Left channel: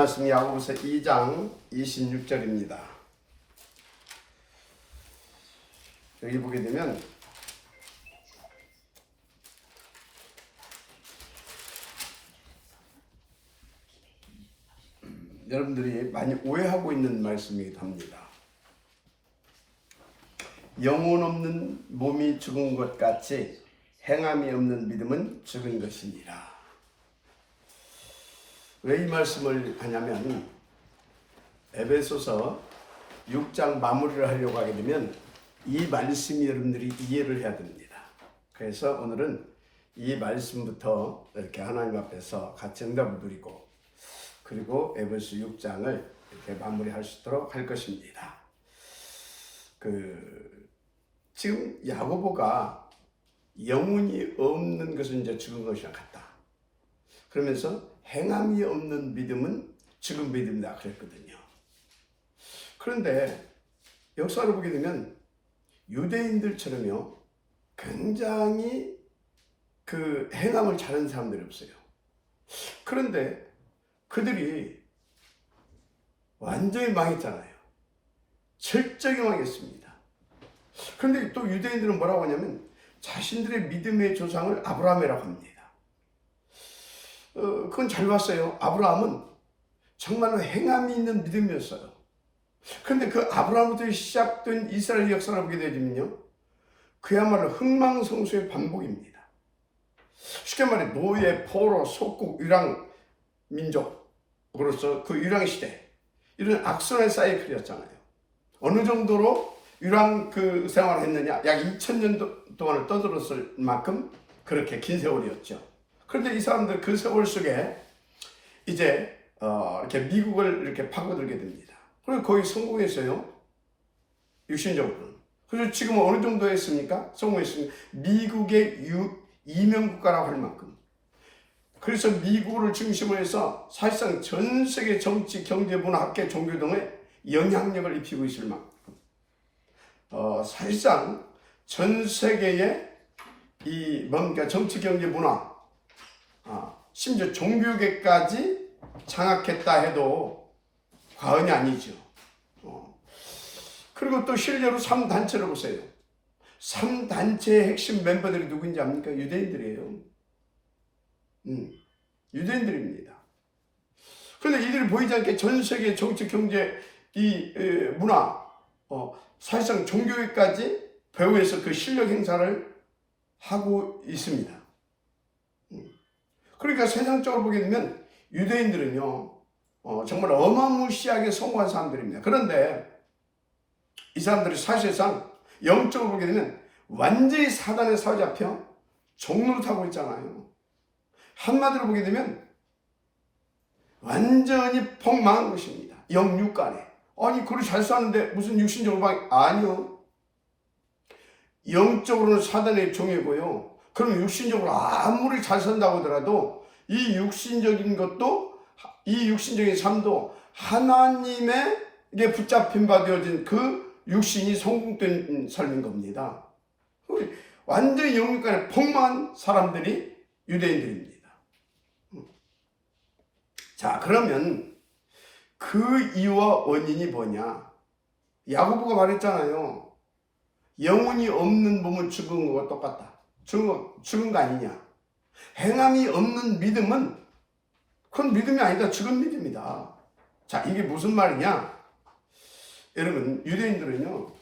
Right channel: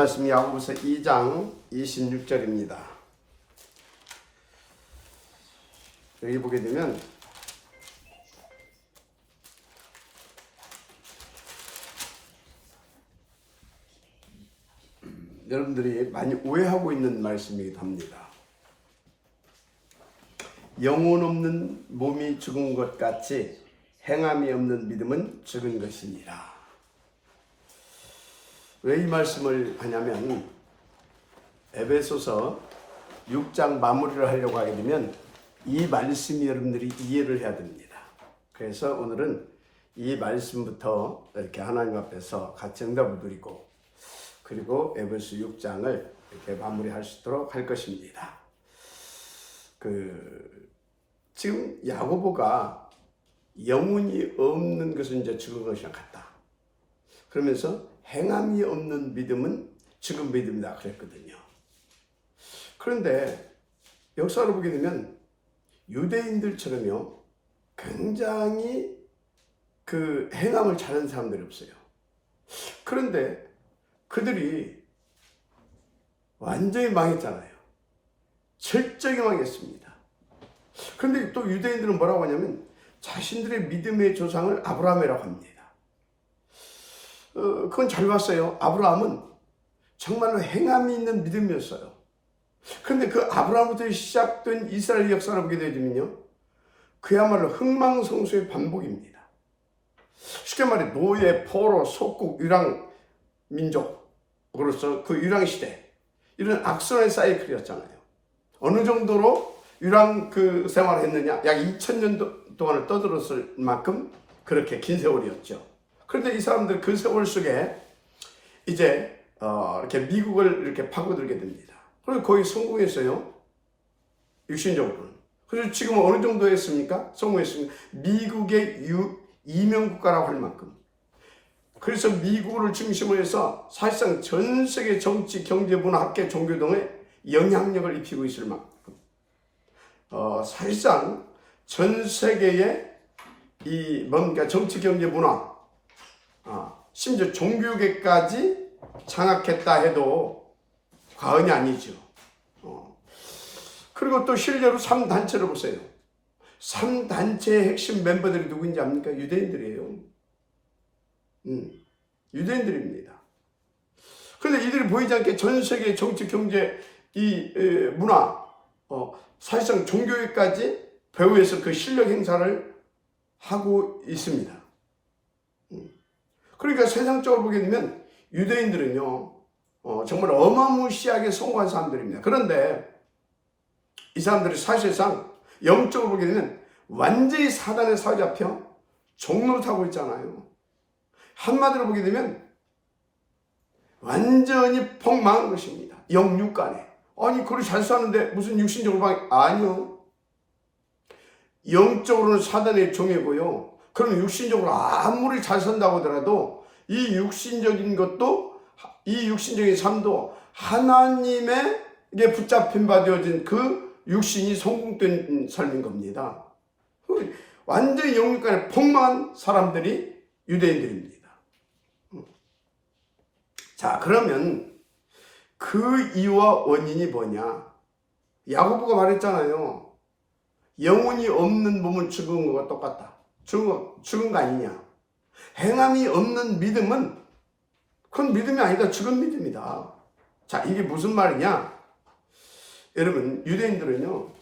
말씀 야고보서 2장 26절입니다. 여기 보게 되면 여러분들이 많이 오해하고 있는 말씀이기도 합니다. 영혼 없는 몸이 죽은 것 같이 행함이 없는 믿음은 죽은 것이니라. 왜 이 말씀을 하냐면 에베소서 6장 마무리를 하려고 하게 되면 이 말씀이 여러분들이 이해를 해야 됩니다. 그래서 오늘은 이 말씀부터 이렇게 하나님 앞에서 같이 응답을 드리고 그리고 에베소 6장을 이렇게 마무리할 수 있도록 할 것입니다. 지금 야고보가 영혼이 없는 것은 이제 죽은 것이랑 같다. 그러면서 행함이 없는 믿음은 죽은 믿음이다 그랬거든요. 그런데 역사를 보게 되면 유대인들처럼요 굉장히 행함을 잘하는 사람들이 없어요. 그런데 그들이 완전히 망했잖아요. 철저히 망했습니다. 그런데 또 유대인들은 뭐라고 하냐면 자신들의 믿음의 조상을 아브라함이라고 합니다. 그건 잘 봤어요. 아브라함은 정말로 행함이 있는 믿음이었어요. 그런데 그 아브라함부터 시작된 이스라엘 역사를 보게 되면요 그야말로 흥망성쇠의 반복입니다. 쉽게 말해 노예, 포로, 속국, 유랑 민족으로서 그 유랑 시대 이런 악선의 사이클이었잖아요. 어느 정도로 유랑 생활을 했느냐? 약 2000년 동안을 떠들었을 만큼 그렇게 긴 세월이었죠. 그런데 이 사람들 그 세월 속에 이제 이렇게 미국을 이렇게 파고들게 됩니다. 그래서 거의 성공했어요. 육신적으로는. 그래서 지금 어느 정도 했습니까? 성공했습니다. 미국의 이명국가라고 할 만큼. 그래서 미국을 중심으로 해서 사실상 전 세계 정치, 경제, 문화, 학계, 종교 등의 영향력을 입히고 있을 만큼. 사실상 전 세계의 정치, 경제, 문화, 심지어 종교계까지 장악했다 해도 과언이 아니죠. 그리고 또 실제로 3단체를 보세요. 3단체의 핵심 멤버들이 누구인지 압니까? 유대인들이에요. 유대인들입니다. 그런데 이들이 보이지 않게 전 세계 정치, 경제, 문화, 사실상 종교계까지 배후에서 그 실력 행사를 하고 있습니다. 그러니까 세상적으로 보게 되면 유대인들은요 정말 어마무시하게 성공한 사람들입니다. 그런데 이 사람들이 사실상 영적으로 보게 되면 완전히 사단에 사로잡혀 종노릇하고 있잖아요. 한마디로 보게 되면 완전히 폭망한 것입니다. 영육간에. 아니 그걸 잘 사는데 무슨 육신적으로 아니요. 영적으로는 사단의 종이고요. 그럼 육신적으로 아무리 잘 산다고 하더라도 이 육신적인 것도 이 육신적인 삶도 하나님에게 붙잡힌 바 되어진 그 육신이 성공된 삶인 겁니다. 완전히 영육간에 폭망한 사람들이 유대인들입니다. 자, 그러면 그 이유와 원인이 뭐냐? 야고보가 말했잖아요. 영혼이 없는 몸은 죽은 것과 똑같다. 죽은 거 아니냐? 행함이 없는 믿음은 그건 믿음이 아니다. 죽은 믿음이다. 자, 이게 무슨 말이냐? 여러분, 유대인들은요,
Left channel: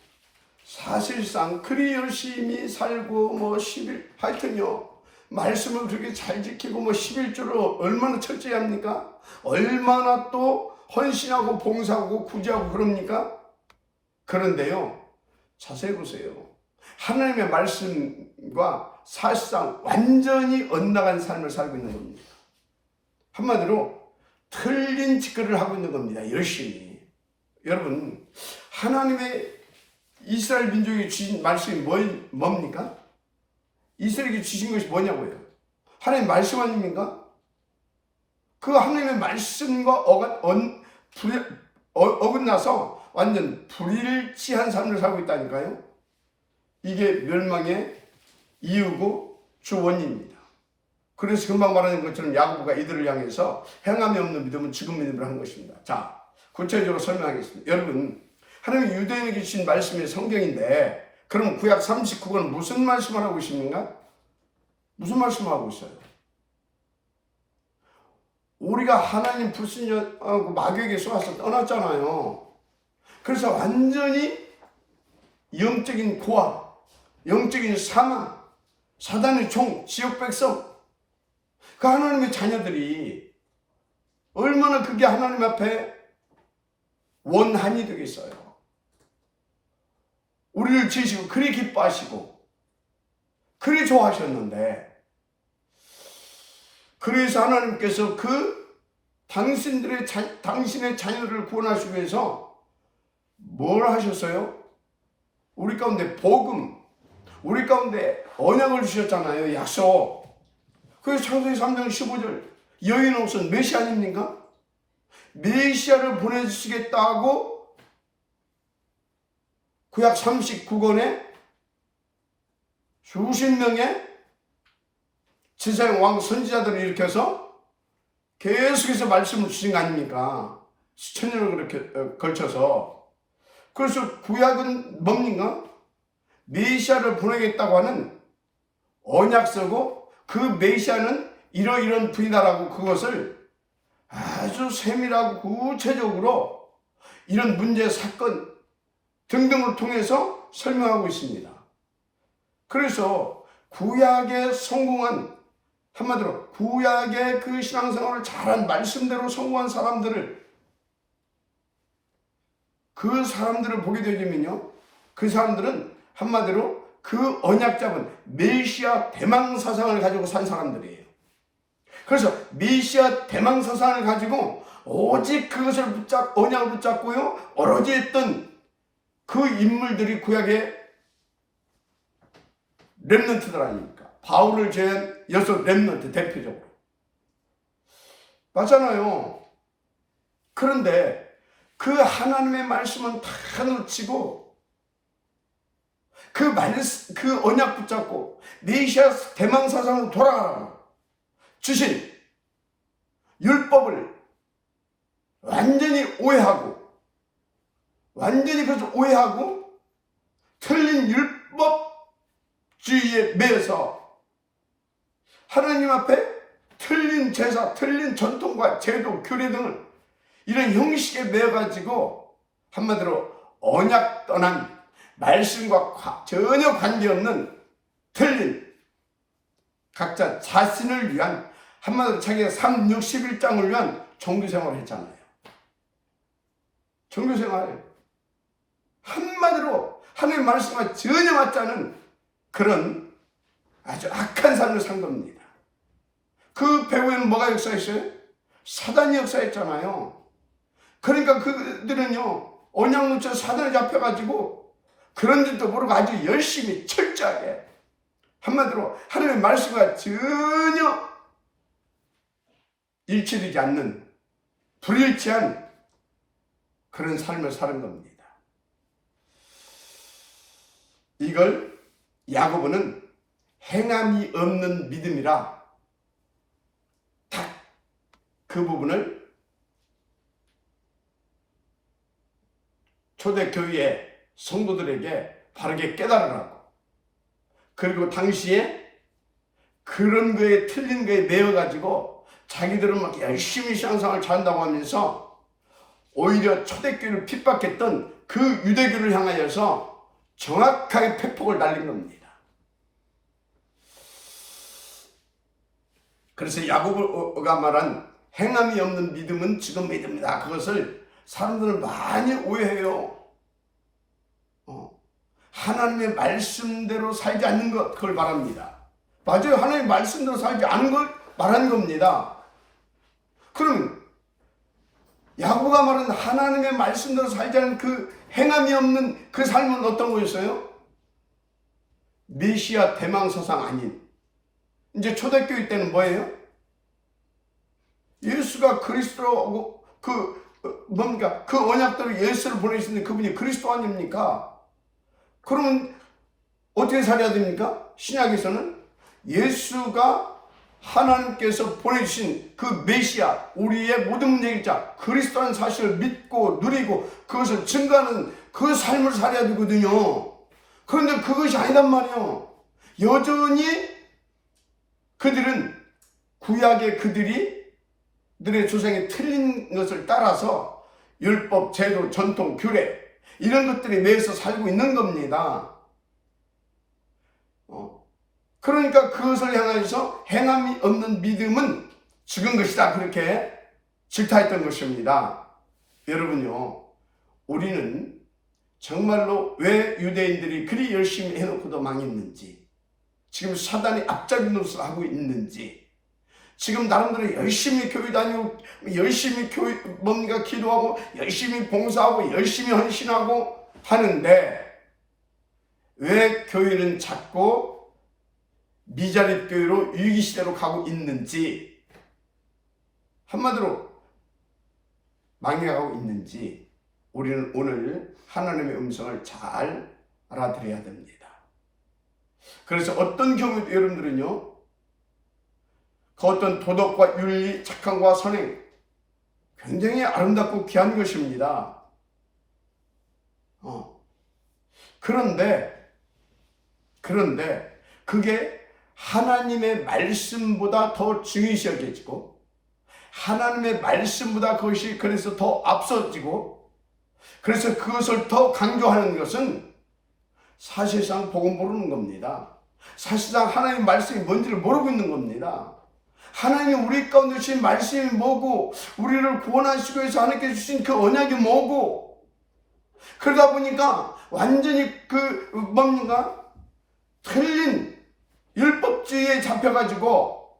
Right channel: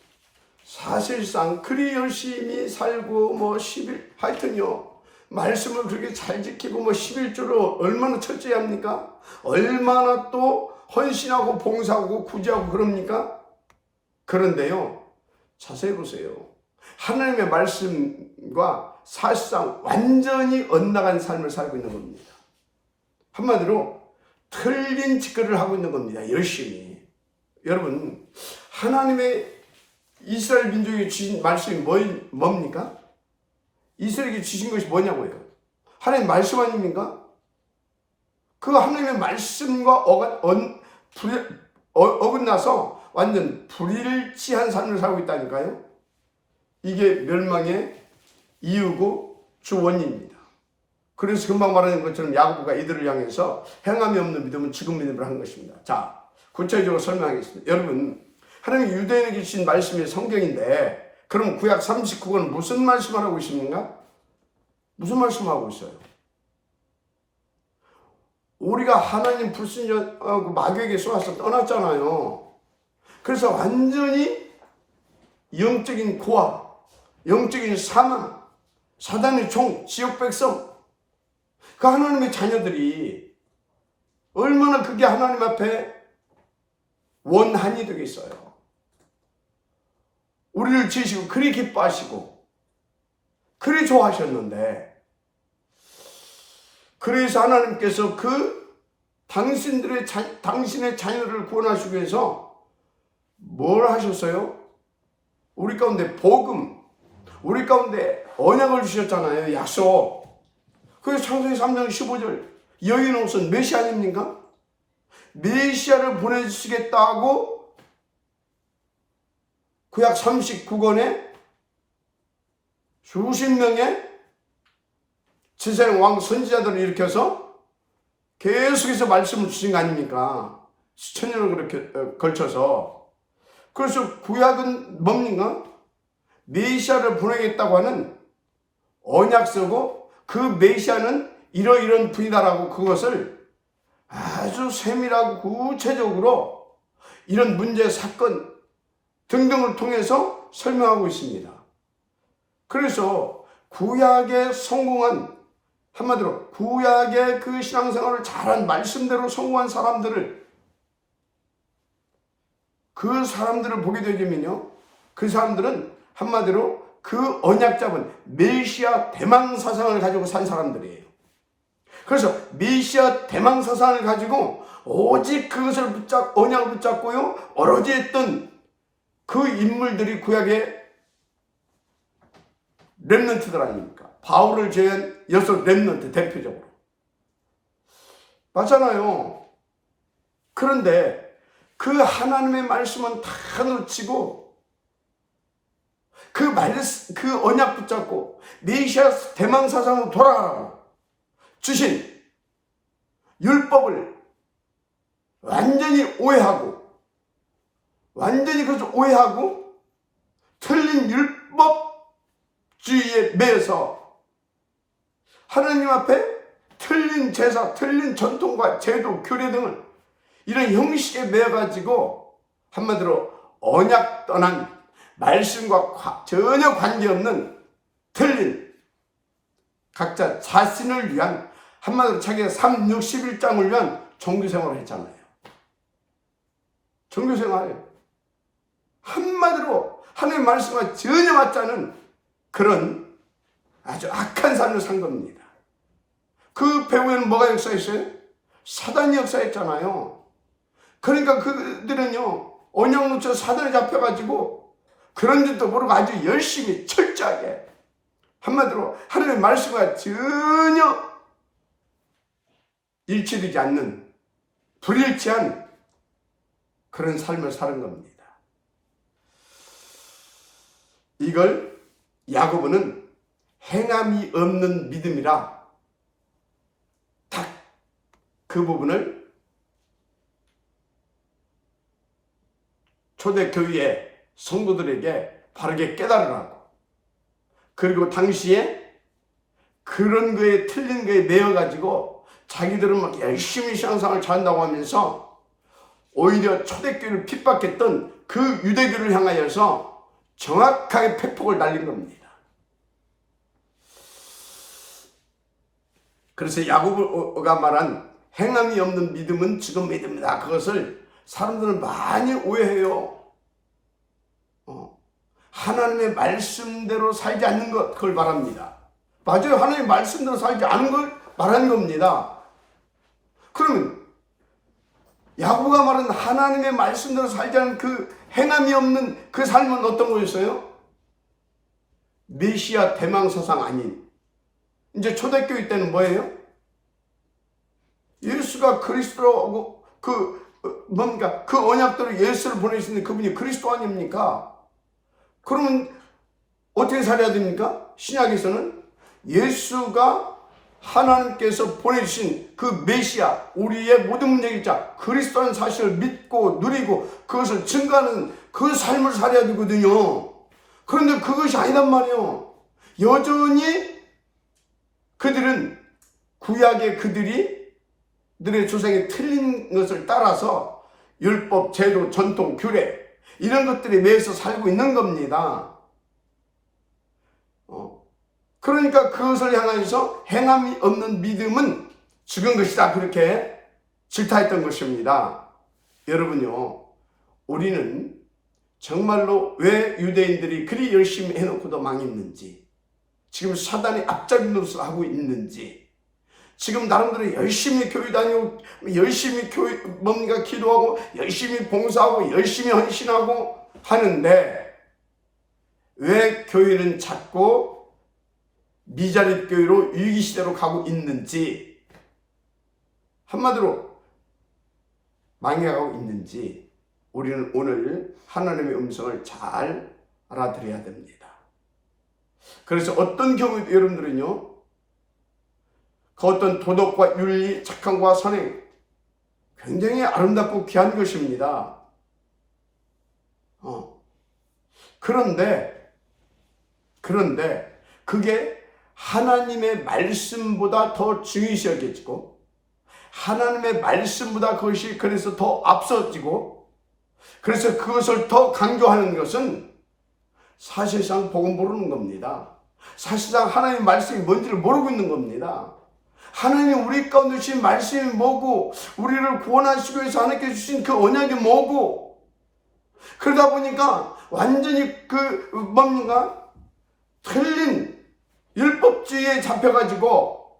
사실상 그리 열심히 살고, 하여튼요, 말씀을 그렇게 잘 지키고, 11조로 얼마나 철저히 합니까? 얼마나 또 헌신하고, 봉사하고, 구제하고, 그럽니까? 그런데요, 자세히 보세요. 하나님의 말씀과 사실상 완전히 엇나간 삶을 살고 있는 겁니다. 한마디로 틀린 짓거리를 하고 있는 겁니다. 열심히. 여러분, 하나님의 이스라엘 민족에게 주신 말씀이 뭡니까? 이스라엘에게 주신 것이 뭐냐고요? 하나님 말씀 아닙니까? 그 하나님의 말씀과 어긋나서 완전 불일치한 삶을 살고 있다니까요. 이게 멸망의 이유고 주 원인입니다. 그래서 금방 말하는 것처럼 야고보가 이들을 향해서 행함이 없는 믿음은 죽은 믿음을 한 것입니다. 자, 구체적으로 설명하겠습니다. 여러분, 하나님 유대인에게 주신 말씀이 성경인데, 그럼 구약 39권은 무슨 말씀을 하고 있습니까? 무슨 말씀을 하고 있어요? 우리가 하나님 불신하고 마귀에게 쏘아서 떠났잖아요. 그래서 완전히 영적인 고아, 영적인 사망, 사단의 종, 지역 백성, 그 하나님의 자녀들이 얼마나 그게 하나님 앞에 원한이 되겠어요. 우리를 지으시고 그리 기뻐하시고 그리 좋아하셨는데, 그래서 하나님께서 당신의 자녀를 구원하시기 위해서 뭘 하셨어요? 우리 가운데 복음, 우리 가운데 언약을 주셨잖아요. 약속. 그래서 창세기 3장 15절, 여인은 무슨 메시아 아닙니까? 메시아를 보내주시겠다고 구약 39권에 수십 명의 지상 왕 선지자들을 일으켜서 계속해서 말씀을 주신 거 아닙니까? 수천 년을 그렇게 걸쳐서. 그래서 구약은 뭡니까? 메시아를 보내겠다고 하는 언약서고, 그 메시아는 이러이러한 분이다라고 그것을 아주 세밀하고 구체적으로 이런 문제, 사건 등등을 통해서 설명하고 있습니다. 그래서 구약에 성공한, 한마디로 구약의 그 신앙생활을 잘한, 말씀대로 성공한 사람들을, 그 사람들을 보게 되면요, 그 사람들은 한마디로 그 언약 잡은 메시아 대망 사상을 가지고 산 사람들이에요. 그래서 메시아 대망 사상을 가지고 오직 그것을 언약을 붙잡고요, 어러지 했던 그 인물들이 구약의 렘넌트들 아닙니까? 바울을 제한 6 렘넌트 대표적으로. 맞잖아요. 그런데 그 하나님의 말씀은 다 놓치고 그 언약 붙잡고 메시아 대망 사상으로 돌아가라고 주신 율법을 완전히 오해하고, 완전히 그것을 오해하고 틀린 율법주의에 매여서 하나님 앞에 틀린 제사, 틀린 전통과 제도, 규례 등을 이런 형식에 매여가지고 한마디로 언약 떠난, 말씀과 전혀 관계없는 틀린 각자 자신을 위한, 한마디로 자기가 361장을 위한 종교생활을 했잖아요. 종교생활, 한마디로 하나님의 말씀과 전혀 맞지 않은 그런 아주 악한 삶을 산 겁니다. 그 배후에는 뭐가 역사했어요? 사단이 역사했잖아요. 그러니까 그들은요, 언약 놓쳐 사단에 잡혀가지고 그런 줄도 모르고 아주 열심히 철저하게, 한마디로 하나님의 말씀과 전혀 일치되지 않는 불일치한 그런 삶을 사는 겁니다. 이걸 야고보는 행함이 없는 믿음이라 딱 그 부분을 초대교회의 성도들에게 바르게 깨달으라고, 그리고 당시에 그런 거에 틀린 거에 매여가지고 자기들은 막 열심히 신앙생활을 잘한다고 하면서 오히려 초대교회를 핍박했던 그 유대교를 향하여서 정확하게 팩폭을 날린 겁니다. 그래서 야고보가 말한 행함이 없는 믿음은 지금 믿음이다, 그것을 사람들은 많이 오해해요. 하나님의 말씀대로 살지 않는 것, 그걸 말합니다. 맞아요. 하나님의 말씀대로 살지 않은 걸 말하는 겁니다. 그러면 야고보가 말한 하나님의 말씀대로 살지 않은 그 행함이 없는 그 삶은 어떤 거였어요? 메시아 대망사상 아닌, 이제 초대교회 때는 뭐예요? 예수가 그리스도라고 그 언약대로 예수를 보내시는 그분이 그리스도 아닙니까? 그러면 어떻게 살아야 됩니까? 신약에서는 예수가 하나님께서 보내주신 그 메시아, 우리의 모든 문제의 자 그리스도라는 사실을 믿고 누리고 그것을 증거하는 그 삶을 살아야 되거든요. 그런데 그것이 아니란 말이에요. 여전히 그들은 구약의 그들의 조상이 틀린 것을 따라서 율법, 제도, 전통, 규례 이런 것들에 매여서 살고 있는 겁니다. 그러니까 그것을 향해서 행함이 없는 믿음은 죽은 것이다, 그렇게 질타했던 것입니다. 여러분요, 우리는 정말로 왜 유대인들이 그리 열심히 해놓고도 망했는지, 지금 사단이 앞잡이 노릇을 하고 있는지, 지금 나름대로 열심히 교회 다니고 열심히 뭔가 기도하고 열심히 봉사하고 열심히 헌신하고 하는데 왜 교회는 자꾸 미자립 교회로 위기시대로 가고 있는지, 한마디로 망해가고 있는지 우리는 오늘 하나님의 음성을 잘 알아들어야 됩니다. 그래서 어떤 경우에도 여러분들은요, 그 어떤 도덕과 윤리, 착함과 선행 굉장히 아름답고 귀한 것입니다. 그런데 그게 하나님의 말씀보다 더 중요시 여겨지고 하나님의 말씀보다 그것이 그래서 더 앞서지고 그래서 그것을 더 강조하는 것은 사실상 복음 모르는 겁니다. 사실상 하나님의 말씀이 뭔지를 모르고 있는 겁니다. 하나님 우리 가운데 주신 말씀이 뭐고 우리를 구원하시기 위해서 하나님께 주신 그 언약이 뭐고, 그러다 보니까 완전히 틀린 율법주의에 잡혀가지고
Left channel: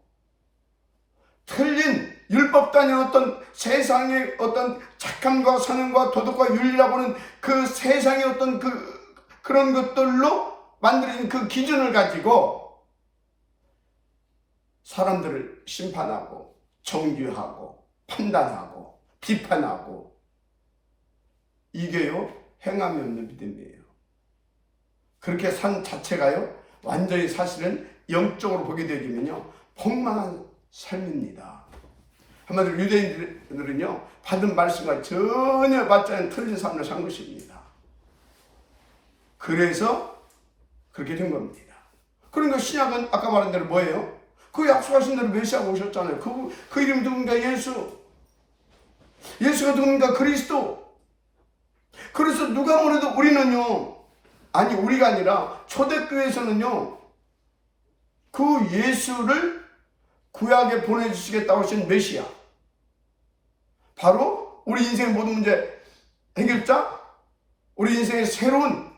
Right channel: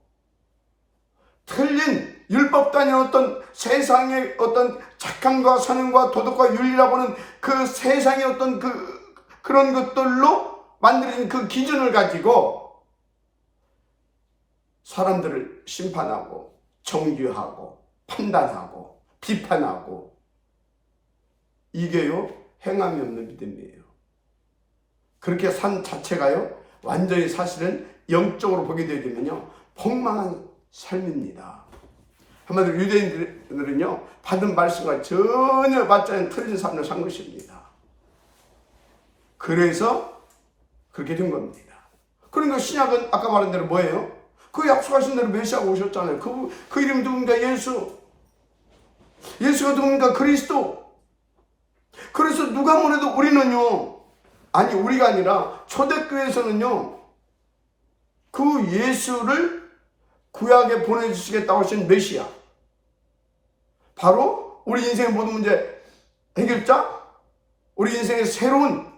틀린 율법도 아닌 어떤 세상의 어떤 착함과 선행과 도덕과 윤리라고 하는 그 세상의 어떤 그런 것들로 만들어진 그 기준을 가지고 사람들을 심판하고 정죄하고 판단하고 비판하고, 이게요 행함이 없는 믿음이에요. 그렇게 산 자체가요 완전히 사실은 영적으로 보게 되면요 폭망한 삶입니다. 한마디로 유대인들은요 받은 말씀과 전혀 맞지 않는 틀린 삶을 산 것입니다. 그래서 그렇게 된 겁니다. 그러니까 신약은 아까 말한 대로 뭐예요? 그 약속하신 대로 메시아가 오셨잖아요. 그 이름 누굽니까? 예수가 누굽니까? 그리스도. 그래서 누가 뭐래도 우리는요, 아니 우리가 아니라 초대교회에서는요 그 예수를 구약에 보내주시겠다고 하신 메시아, 바로 우리 인생의 모든 문제 해결자, 우리 인생의 새로운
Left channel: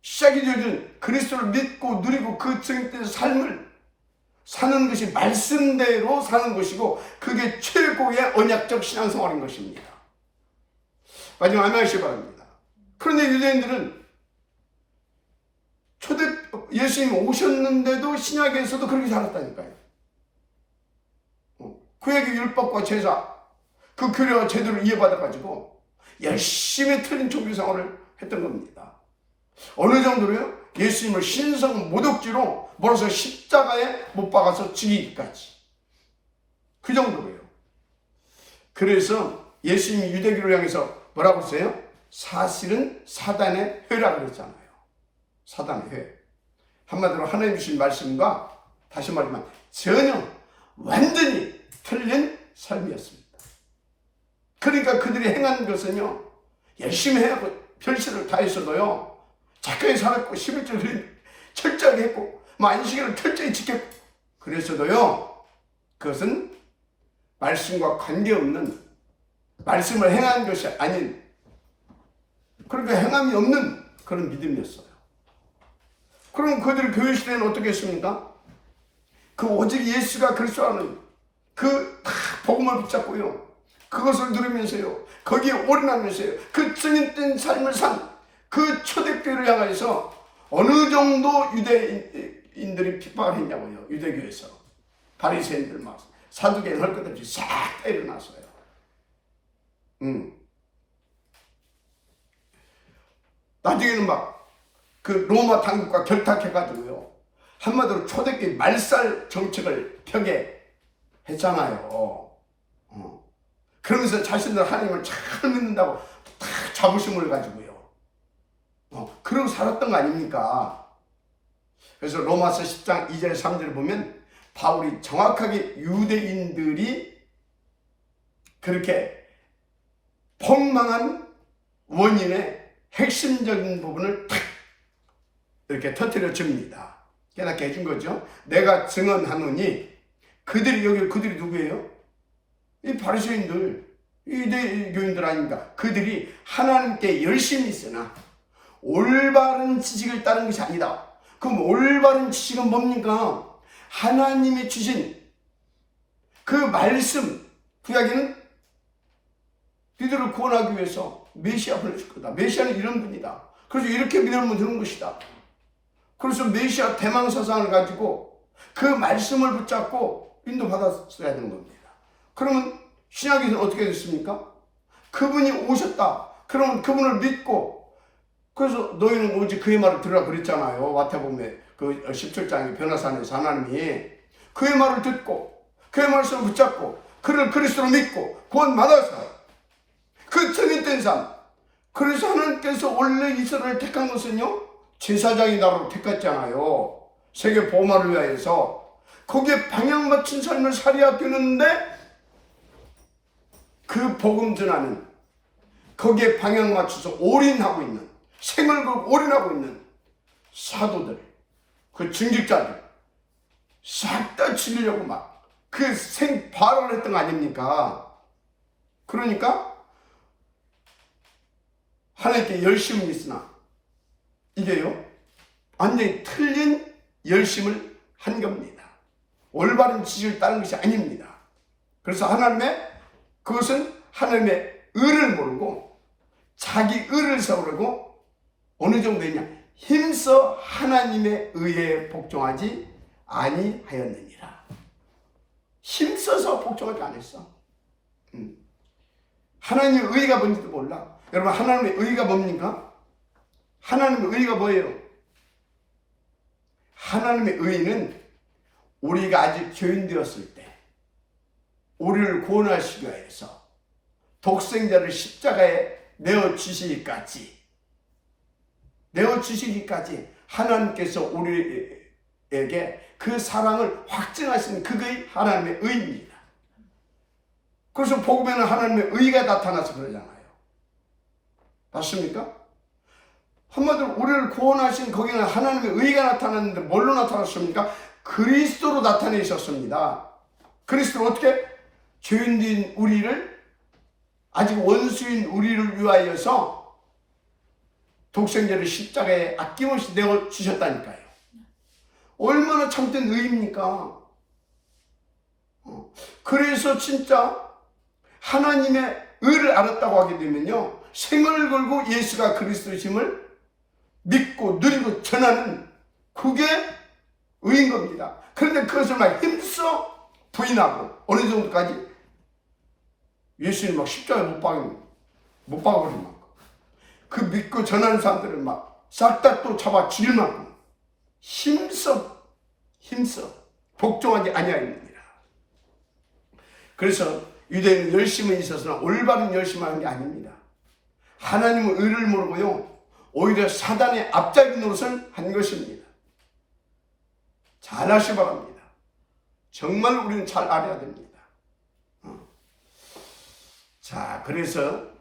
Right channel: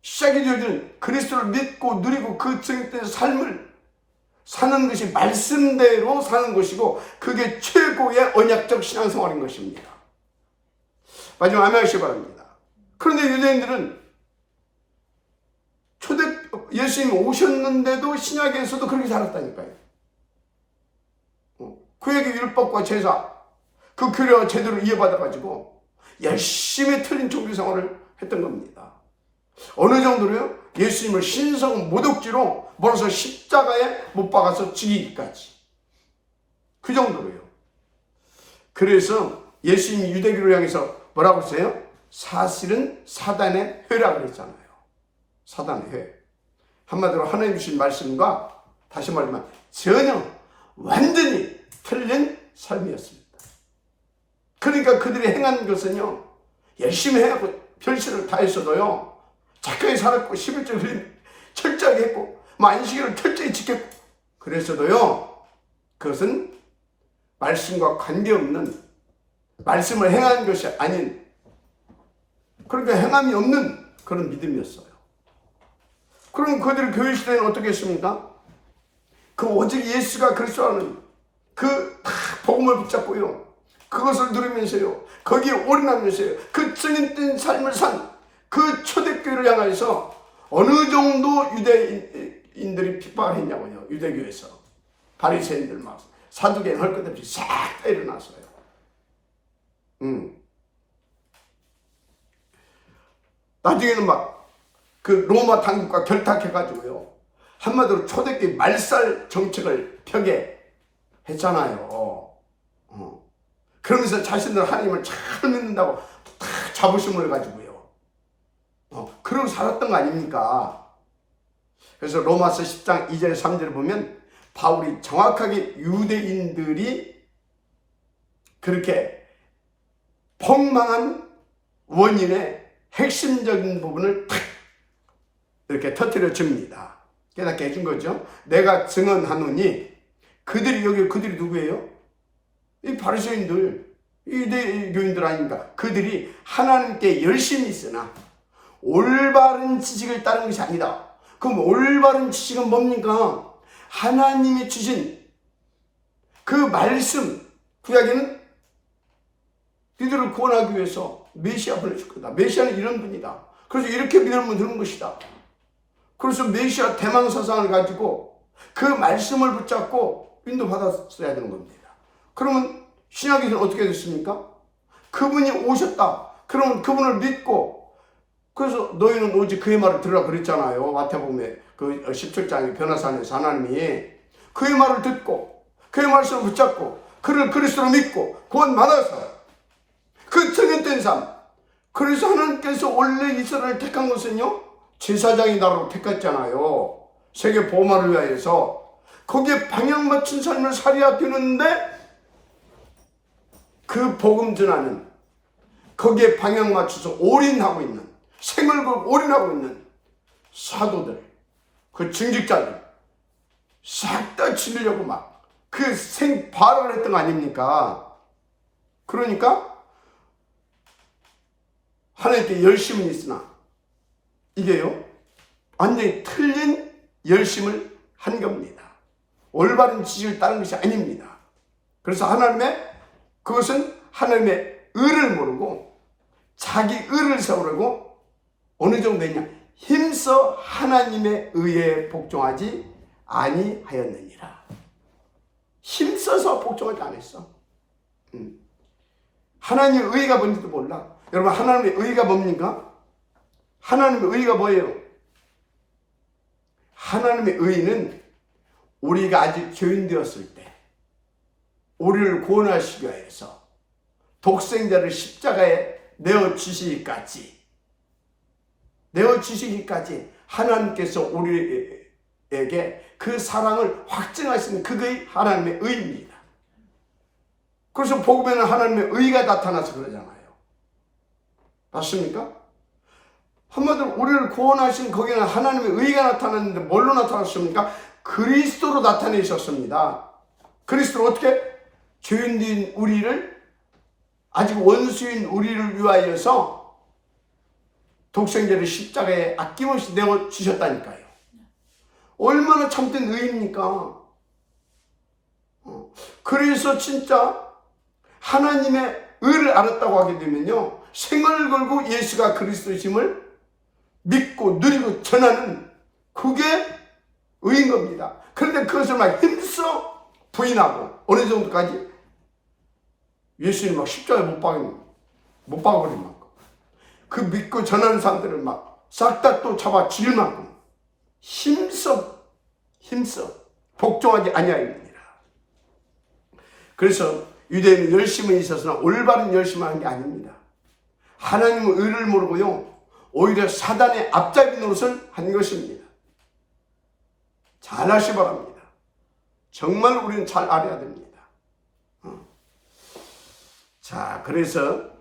시작이 되어준 그리스도를 믿고 누리고 그 증인된 삶을 사는 것이 말씀대로 사는 것이고 그게 최고의 언약적 신앙생활인 것입니다. 마지막 아멘하시기 바랍니다. 그런데 유대인들은 예수님이 오셨는데도 신약에서도 그렇게 살았다니까요. 구약의 율법과 제사, 그 규례와 제대로 이해받아가지고 열심히 틀린 종교생활을 했던 겁니다. 어느 정도로요? 예수님을 신성 모독죄로 몰아서 십자가에 못 박아서 죽이기까지, 그 정도로요. 그래서 예수님이 유대교를 향해서 뭐라고 했어요? 사실은 사단의 회라고 그랬잖아요. 사단의 회. 한마디로 하나님 주신 말씀과 다시 말하면 전혀 완전히 틀린 삶이었습니다. 그러니까 그들이 행한 것은요 열심히 해갖고 별실을 다했어도요 착하게 살았고 11절 철저하게 했고 안식일을 철저히 지켰고 그랬어도요 그것은 말씀과 관계없는, 말씀을 행한 것이 아닌, 그러니까 행함이 없는 그런 믿음이었어요. 그럼 그들의 교회 시대는 어떻게 했습니까? 그 오직 예수가 그리스도라는 그 복음을 붙잡고요 그것을 누리면서요 거기에 올인하면서요 그 증인된 삶을 산 그 초대교회를 향해서 어느 정도 유대인들이 핍박을 했냐고요. 유대교에서 바리새인들 막 사두개인 할 것 없이 싹 다 일어났어요. 나중에는 막 그 로마 당국과 결탁해가지고요 한마디로 초대교회 말살 정책을 벽에 했잖아요. 그러면서 자신들 하나님을 잘 믿는다고 다 자부심을 가지고요. 그러고 살았던 거 아닙니까? 그래서 로마서 10장 2절 3절을 보면 바울이 정확하게 유대인들이 그렇게 폭망한 원인의 핵심적인 부분을 탁 이렇게 터뜨려 줍니다. 깨닫게 해준 거죠. 내가 증언하노니 그들이 누구예요? 이 바리새인들, 유대교인들 아닙니까? 그들이 하나님께 열심히 있으나 올바른 지식을 따른 것이 아니다. 그럼 올바른 지식은 뭡니까? 하나님이 주신 그 말씀, 구약에는 이들을 구원하기 위해서 메시아 보내줄 거다. 메시아는 이런 분이다. 그래서 이렇게 믿으면 되는 것이다. 그래서 메시아 대망사상을 가지고 그 말씀을 붙잡고 인도받았어야 되는 겁니다. 그러면 신약에서 어떻게 됐습니까? 그분이 오셨다. 그러면 그분을 믿고, 그래서 너희는 오직 그의 말을 들으라 그랬잖아요. 마태복음에 그 17장의 변화산에서 하나님이 그의 말을 듣고 그의 말씀을 붙잡고 그를 그리스도로 믿고 구원받아서 그 정했된 삶. 그래서 하나님께서 원래 이스라엘을 택한 것은요, 제사장이 나라로 택했잖아요. 세계 보호만을 위하여서. 거기에 방향 맞춘 삶을 살아야 되는데 그 복음 전하는, 거기에 방향 맞춰서 올인하고 있는, 생을 걸고 올인하고 있는 사도들, 그 증직자들 싹 다 치려고 막 그 생발언을 했던 거 아닙니까? 그러니까 하나님께 열심은 있으나 이게요, 완전히 틀린 열심을 한 겁니다. 올바른 지식을 따른 것이 아닙니다. 그래서 그것은 하나님의 의를 모르고 자기 의를 세우려고 어느 정도냐, 힘써 하나님의 의에 복종하지 아니하였느니라. 힘써서 복종하지 않았어. 하나님의 의가 뭔지도 몰라. 여러분, 하나님의 의가 뭡니까? 하나님의 의가 뭐예요? 하나님의 의는 우리가 아직 죄인 되었을 때 우리를 구원하시기 위해서 독생자를 십자가에 내어주시기까지 하나님께서 우리에게 그 사랑을 확증하시는 그게 하나님의 의입니다. 그래서 복음에는 하나님의 의가 나타나서 그러잖아요. 맞습니까? 한마디로 우리를 구원하신 거기는 하나님의 의가 나타났는데 뭘로 나타났습니까? 그리스도로 나타내셨습니다. 그리스도는 어떻게? 죄인된 우리를, 아직 원수인 우리를 위하여서 독생자를 십자가에 아낌없이 내어주셨다니까요. 얼마나 참된 의입니까? 그래서 진짜 하나님의 의를 알았다고 하게 되면요, 생을 걸고 예수가 그리스도심을 믿고 누리고 전하는, 그게 의인 겁니다. 그런데 그것을 막 힘써 부인하고 어느 정도까지? 예수님 막 십자가에 못 박아버린 만큼 그 믿고 전하는 사람들을 막 싹 다 또 잡아 죽일 만큼 힘써 복종하지 아니하였느니라. 그래서 유대인은 열심은 있었으나 올바른 열심을 하는 게 아닙니다. 하나님의 의를 모르고요, 오히려 사단의 앞잡이 노릇을 한 것입니다. 잘 아시 바랍니다. 정말 우리는 잘 알아야 됩니다. 자, 그래서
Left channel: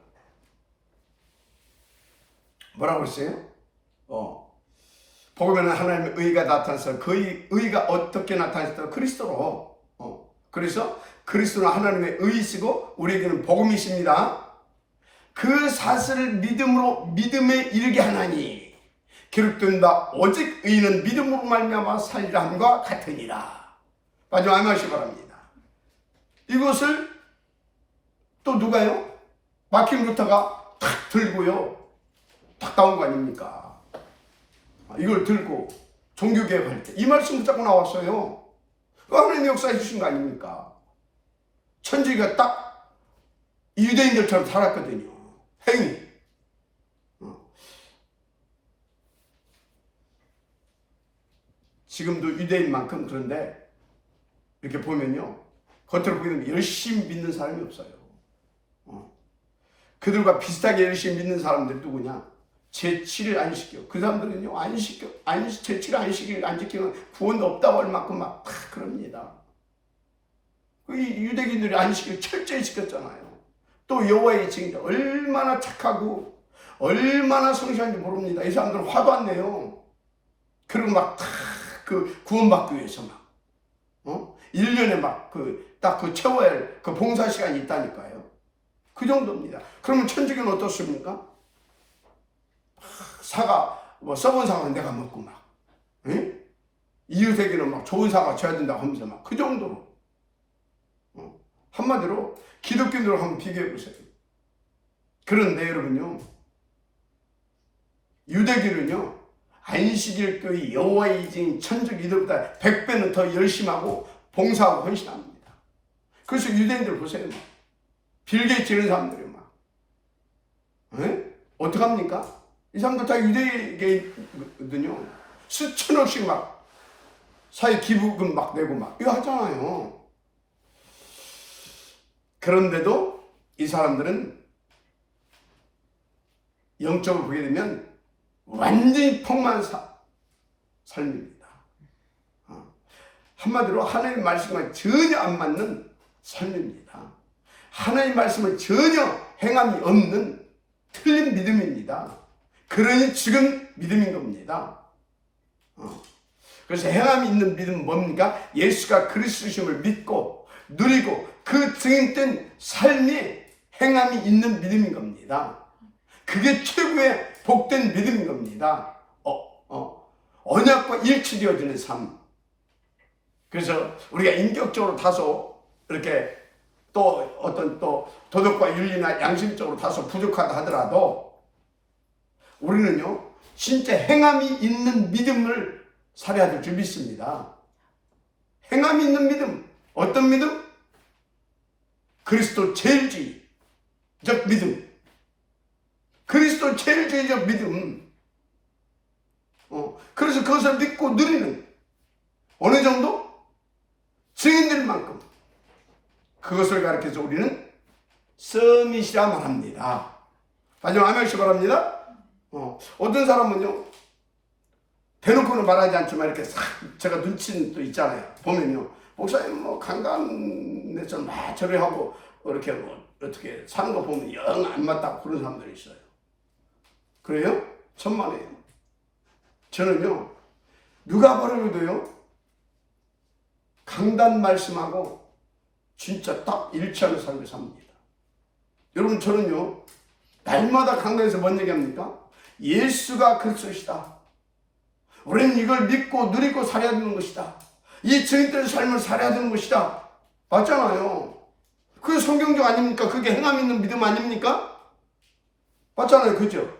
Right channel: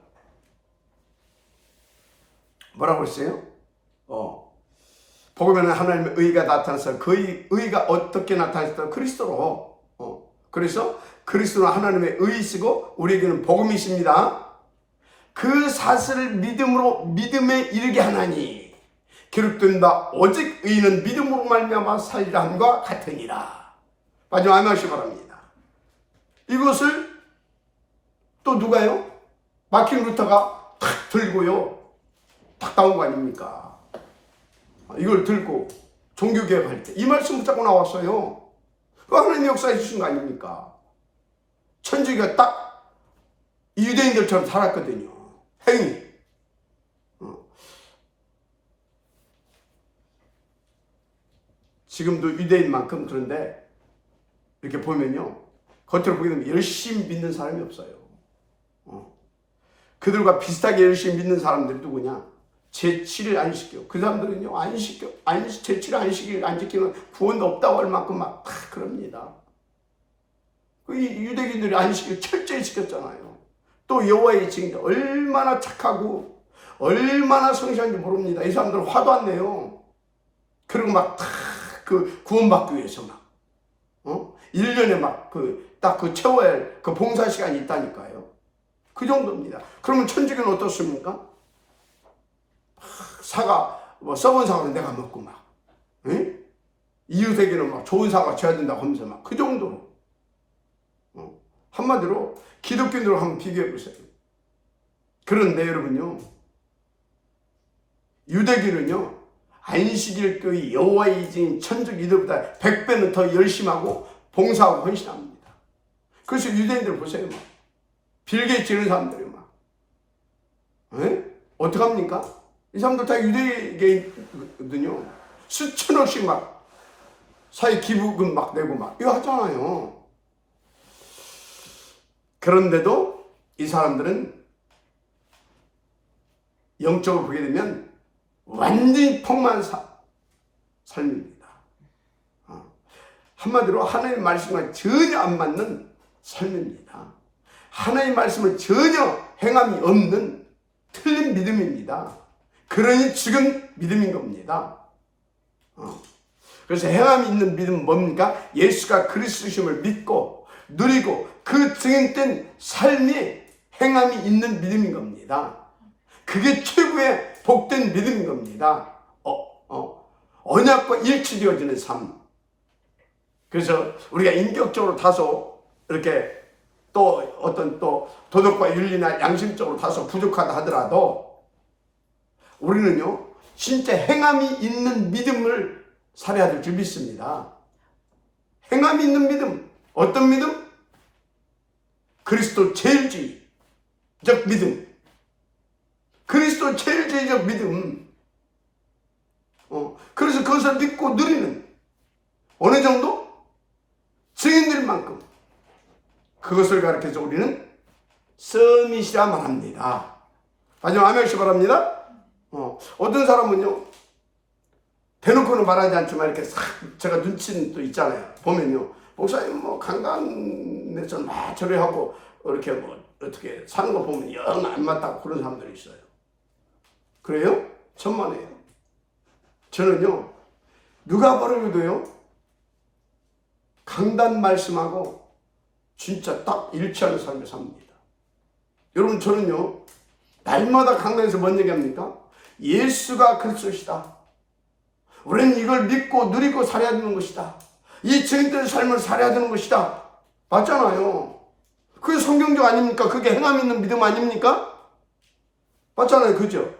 뭐라고 했어요? 복음에는 하나님의 의가 나타나서 그 의가 어떻게 나타났다? 그리스도로. 그래서 그리스도는 하나님의 의이시고 우리에게는 복음이십니다. 그 사실을 믿음에 이르게 하나니 기록된 바 오직 의인은 믿음으로 말미암아 살리라 함과 같으니라. 마지막 말씀 바랍니다. 이것을 또 누가요? 마틴 루터가 탁 들고요, 탁 나온 거 아닙니까? 이걸 들고 종교개혁할 때 이 말씀 붙잡고 나왔어요. 하나님 역사해 주신 거 아닙니까? 천주교가 딱 유대인들처럼 살았거든요. 행위. 지금도 유대인만큼. 그런데 이렇게 보면요, 겉으로 보게 되면 열심히 믿는 사람이 없어요. 그들과 비슷하게 열심히 믿는 사람들이 누구냐? 제치를 안 시켜. 그 사람들은요, 안 시켜. 제치를 안 지키면 구원 없다고 할 만큼 막 다 그럽니다. 이 유대인들이 안 시켜 철저히 시켰잖아요. 또 여호와의 증인들 얼마나 착하고 얼마나 성실한지 모릅니다. 이 사람들은 화도 안 내요. 그리고 막 다 그 구원받기 위해서 막 1년에 막 딱 채워야 할 그 봉사 시간이 있다니까요. 그 정도입니다. 그러면 천직은 어떻습니까? 사과, 썩은 사과는 내가 먹고 막, 응? 이웃에게는 막 좋은 사과 줘야 된다고 하면서 막 그 정도로. 한마디로 기독교인들을 한번 비교해 보세요. 그런데 여러분요, 유대교는요, 안식일 교회 여호와의 증인 천직 이들보다 100배는 더 열심히 하고 봉사하고 헌신합니다. 그래서 유대인들 보세요. 막. 빌 게이츠 이런 사람들이 막. 어떡합니까? 이 사람들 다 유대계거든요. 수천억씩 막 사회 기부금 막 내고 막 이거 하잖아요. 그런데도 이 사람들은 영적으로 보게 되면 완전히 폭망한 삶입니다. 한마디로 하나님의 말씀과 전혀 안 맞는 삶입니다. 하나님의 말씀을 전혀 행함이 없는 틀린 믿음입니다. 그러니 지금 믿음인 겁니다. 그래서 행함이 있는 믿음은 뭡니까? 예수가 그리스도심을 믿고 누리고 그 증인된 삶이 행함이 있는 믿음인 겁니다. 그게 최고의 복된 믿음인 겁니다. 언약과 일치되어지는 삶. 그래서 우리가 인격적으로 다소 이렇게 또 어떤 또 도덕과 윤리나 양심적으로 다소 부족하다 하더라도 우리는요, 진짜 행함이 있는 믿음을 살아야 될 줄 믿습니다. 행함이 있는 믿음. 어떤 믿음? 그리스도 제일주의적 믿음. 그리스도 제일주의적 믿음. 그래서 그것을 믿고 누리는 어느 정도? 증인들만큼 그것을 가르쳐서 우리는 서밋이라 말합니다. 마지막 아멘시 바랍니다. 어떤 사람은요, 대놓고는 말하지 않지만 이렇게 싹 제가 눈치는 또 있잖아요. 보면요, 목사님 뭐 강단에서 막 절회하고 이렇게 뭐 어떻게 사는 거 보면 영 안 맞다고 그런 사람들이 있어요. 그래요? 천만에요. 저는요, 누가 버려도요, 강단 말씀하고 진짜 딱 일치하는 삶을 삽니다. 여러분, 저는요, 날마다 강단에서 뭔 얘기합니까? 예수가 그리스도시다. 우리는 이걸 믿고 누리고 살아야 되는 것이다. 이 증인된 삶을 살아야 되는 것이다. 맞잖아요. 그게 성경적 아닙니까? 그게 행함 있는 믿음 아닙니까? 맞잖아요. 그죠?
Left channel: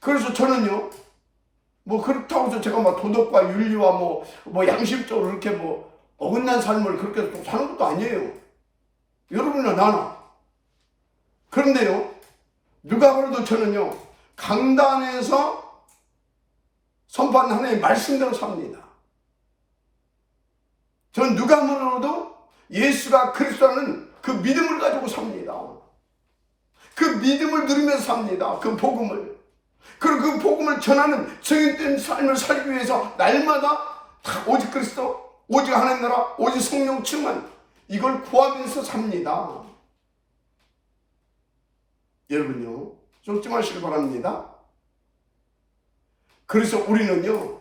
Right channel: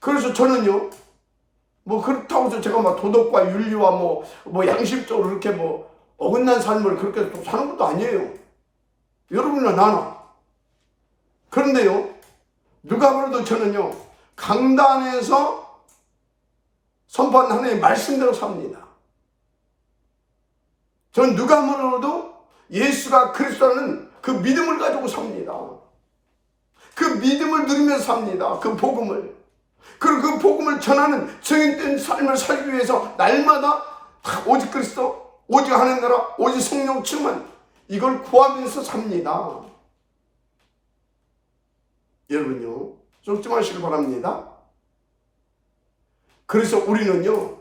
그래서 저는요, 뭐 그렇다고 해서 제가 막 도덕과 윤리와 뭐 양심적으로 그렇게 뭐 어긋난 삶을 그렇게 또 사는 것도 아니에요. 여러분이나 나나. 그런데요, 누가 그래도 저는요, 강단에서 선포한 하나님의 말씀대로 삽니다. 저는 누가 뭐라도 예수가 그리스도라는 그 믿음을 가지고 삽니다. 그 믿음을 누리면서 삽니다. 그 복음을. 그리고 그 복음을 전하는 증인된 삶을 살기 위해서 날마다 오직 그리스도, 오직 하나님 나라, 오직 성령 충만, 이걸 구하면서 삽니다. 여러분요, 쫓지 마시길 바랍니다. 그래서 우리는요,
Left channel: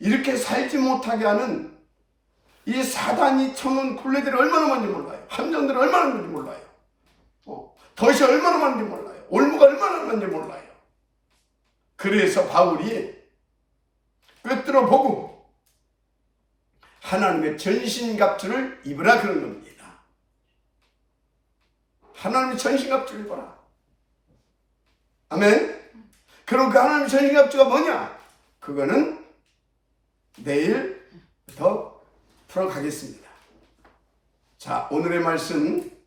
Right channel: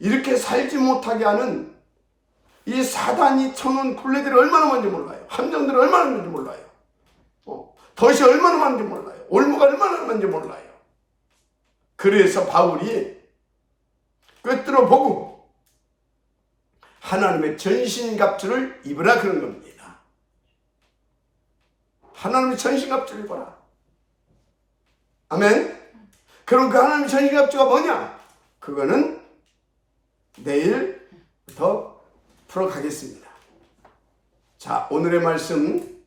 이렇게 살지 못하게 하는 이 사단이 쳐놓은 굴레들이 얼마나 많은지 몰라요. 함정들이 얼마나 많은지 몰라요. 덫이 얼마나 많은지 몰라요. 올무가 얼마나 많은지 몰라요. 그래서 바울이 꿰뚫어 보고 하나님의 전신갑주를 입으라 그런 겁니다. 하나님의 전신갑주를 입어라. 아멘. 그럼 그 하나님의 전신갑주가 뭐냐? 그거는 내일부터 풀어가겠습니다. 자, 오늘의 말씀,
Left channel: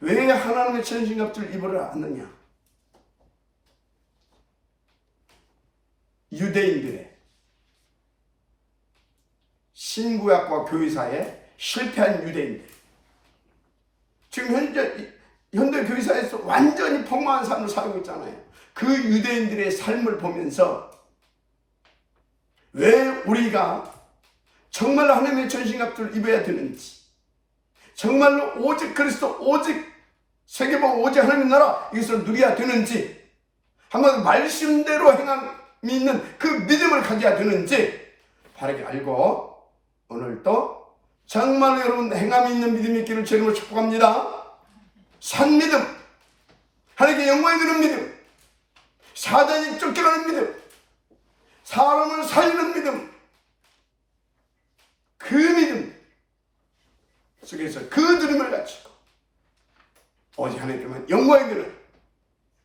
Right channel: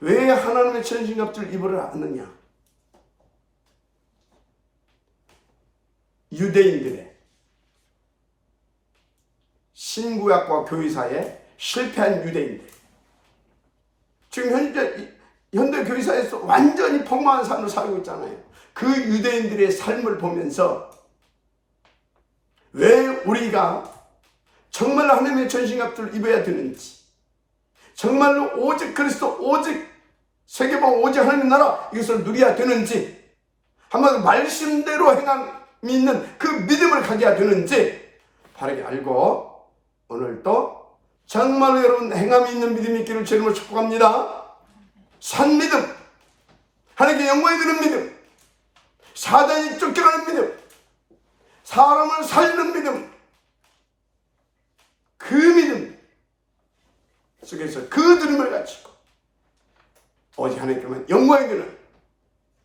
왜 하나님의 전신갑주를 입으라 하느냐? 유대인들의 신구약과 교회사에 실패한 유대인들. 지금 현대 교회사에서 완전히 폭망한 삶을 살고 있잖아요. 그 유대인들의 삶을 보면서 왜 우리가 정말로 하나님의 전신갑주를 입어야 되는지, 정말로 오직 그리스도, 오직 세계복음, 오직 하나님 나라 이것을 누려야 되는지, 한번 말씀대로 행함이 있는 그 믿음을 가져야 되는지 바르게 알고, 오늘도 정말로 여러분 행함이 있는 믿음이 있기를 주님으로 축복합니다. 산 믿음, 하나님께 영광이 되는 믿음, 사단이 쫓겨가는 믿음, 사람을 살리는 믿음, 그 믿음 속에서 그 믿음을 가지고 오직 하나님께만 영광이 되는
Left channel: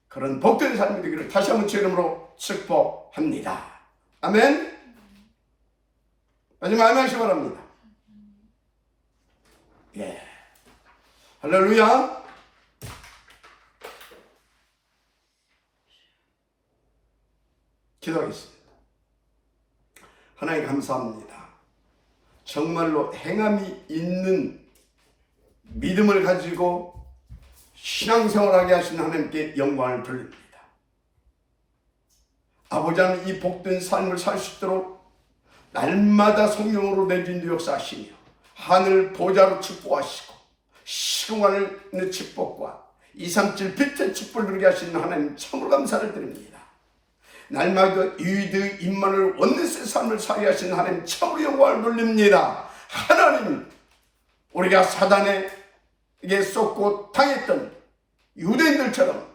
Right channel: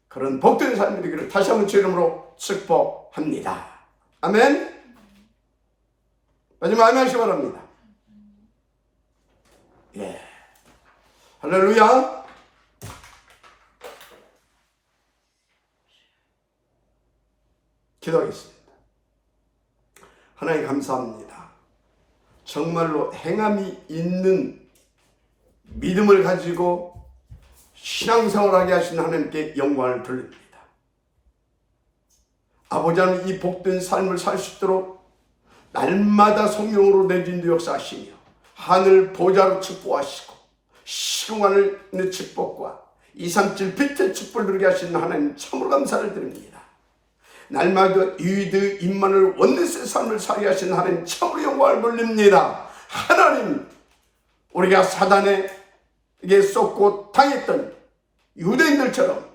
그런 복된 삶이 되기를 다시 한번 주 이름으로 축복합니다. 아멘. 마지막 말씀 바랍니다. 예, 할렐루야. 기도하겠습니다. 하나님 감사합니다. 정말로 행함이 있는 믿음을 가지고 신앙생활하게 하신 하나님께 영광을 돌립니다. 아버지 하나님, 이 복된 삶을 살 수 있도록 날마다 성령으로 내주인도 역사하시며 하늘 보좌로 축복하시고 시공하는 축복과 237 빛의 축복을 누리게 하시는 하나님 참으로 감사를 드립니다. 날마다 유이드 임만을 원내스의 삶을 살게 하시는 하나님 참으로 영광을 돌립니다. 하나님, 우리가 사단에게 쏟고 당했던 유대인들처럼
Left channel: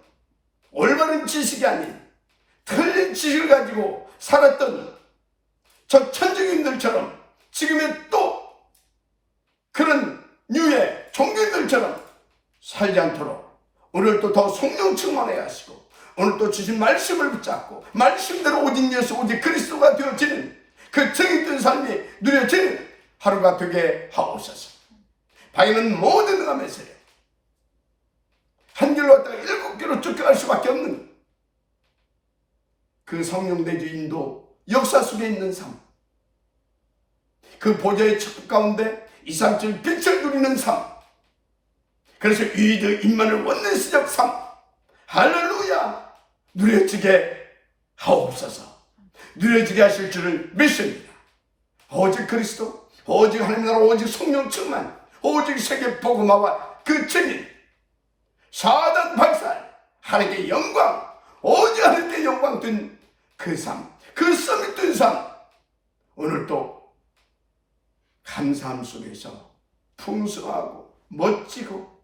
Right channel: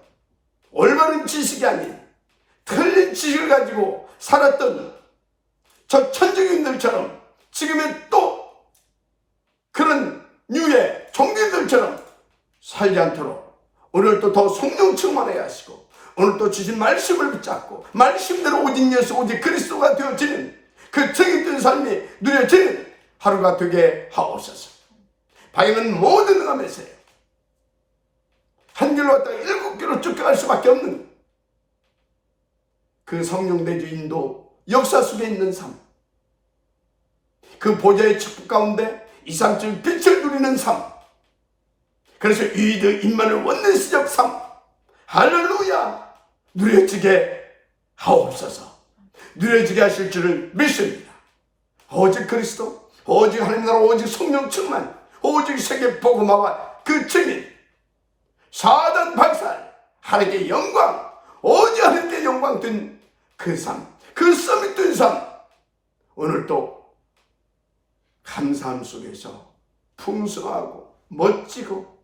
올바른 지식이 아닌 틀린 지식을 가지고 살았던 저 천주교인들처럼 지금의 또 그런 유의 종교인들처럼 살지 않도록 오늘도 더 성령 충만하게 하시고, 오늘 또 주신 말씀을 붙잡고 말씀대로 오직 예수, 오직 그리스도가 되어지는 그 정의된 삶이 누려지는 하루가 되게 하옵소서. 바위는 모든 응함에서요, 한 길로 왔다가 7길로 쫓겨갈 수밖에 없는 그 성령 내주 인도 역사 속에 있는 삶, 그 보좌의 축복 가운데 237 빛을 누리는 삶, 그래서 유이드 임만을 원내스적 삶, 할렐루야, 누려지게 하옵소서. 누려지게 하실 줄을 믿습니다. 오직 그리스도, 오직 하나님 나라, 오직 성령 충만, 오직 세계 복음화와 그 증인, 사단 박살, 하나님께 영광, 오직 하나님께 영광 된 그 삶, 그 썸이 된 삶, 오늘도 감사함 속에서 풍성하고 멋지고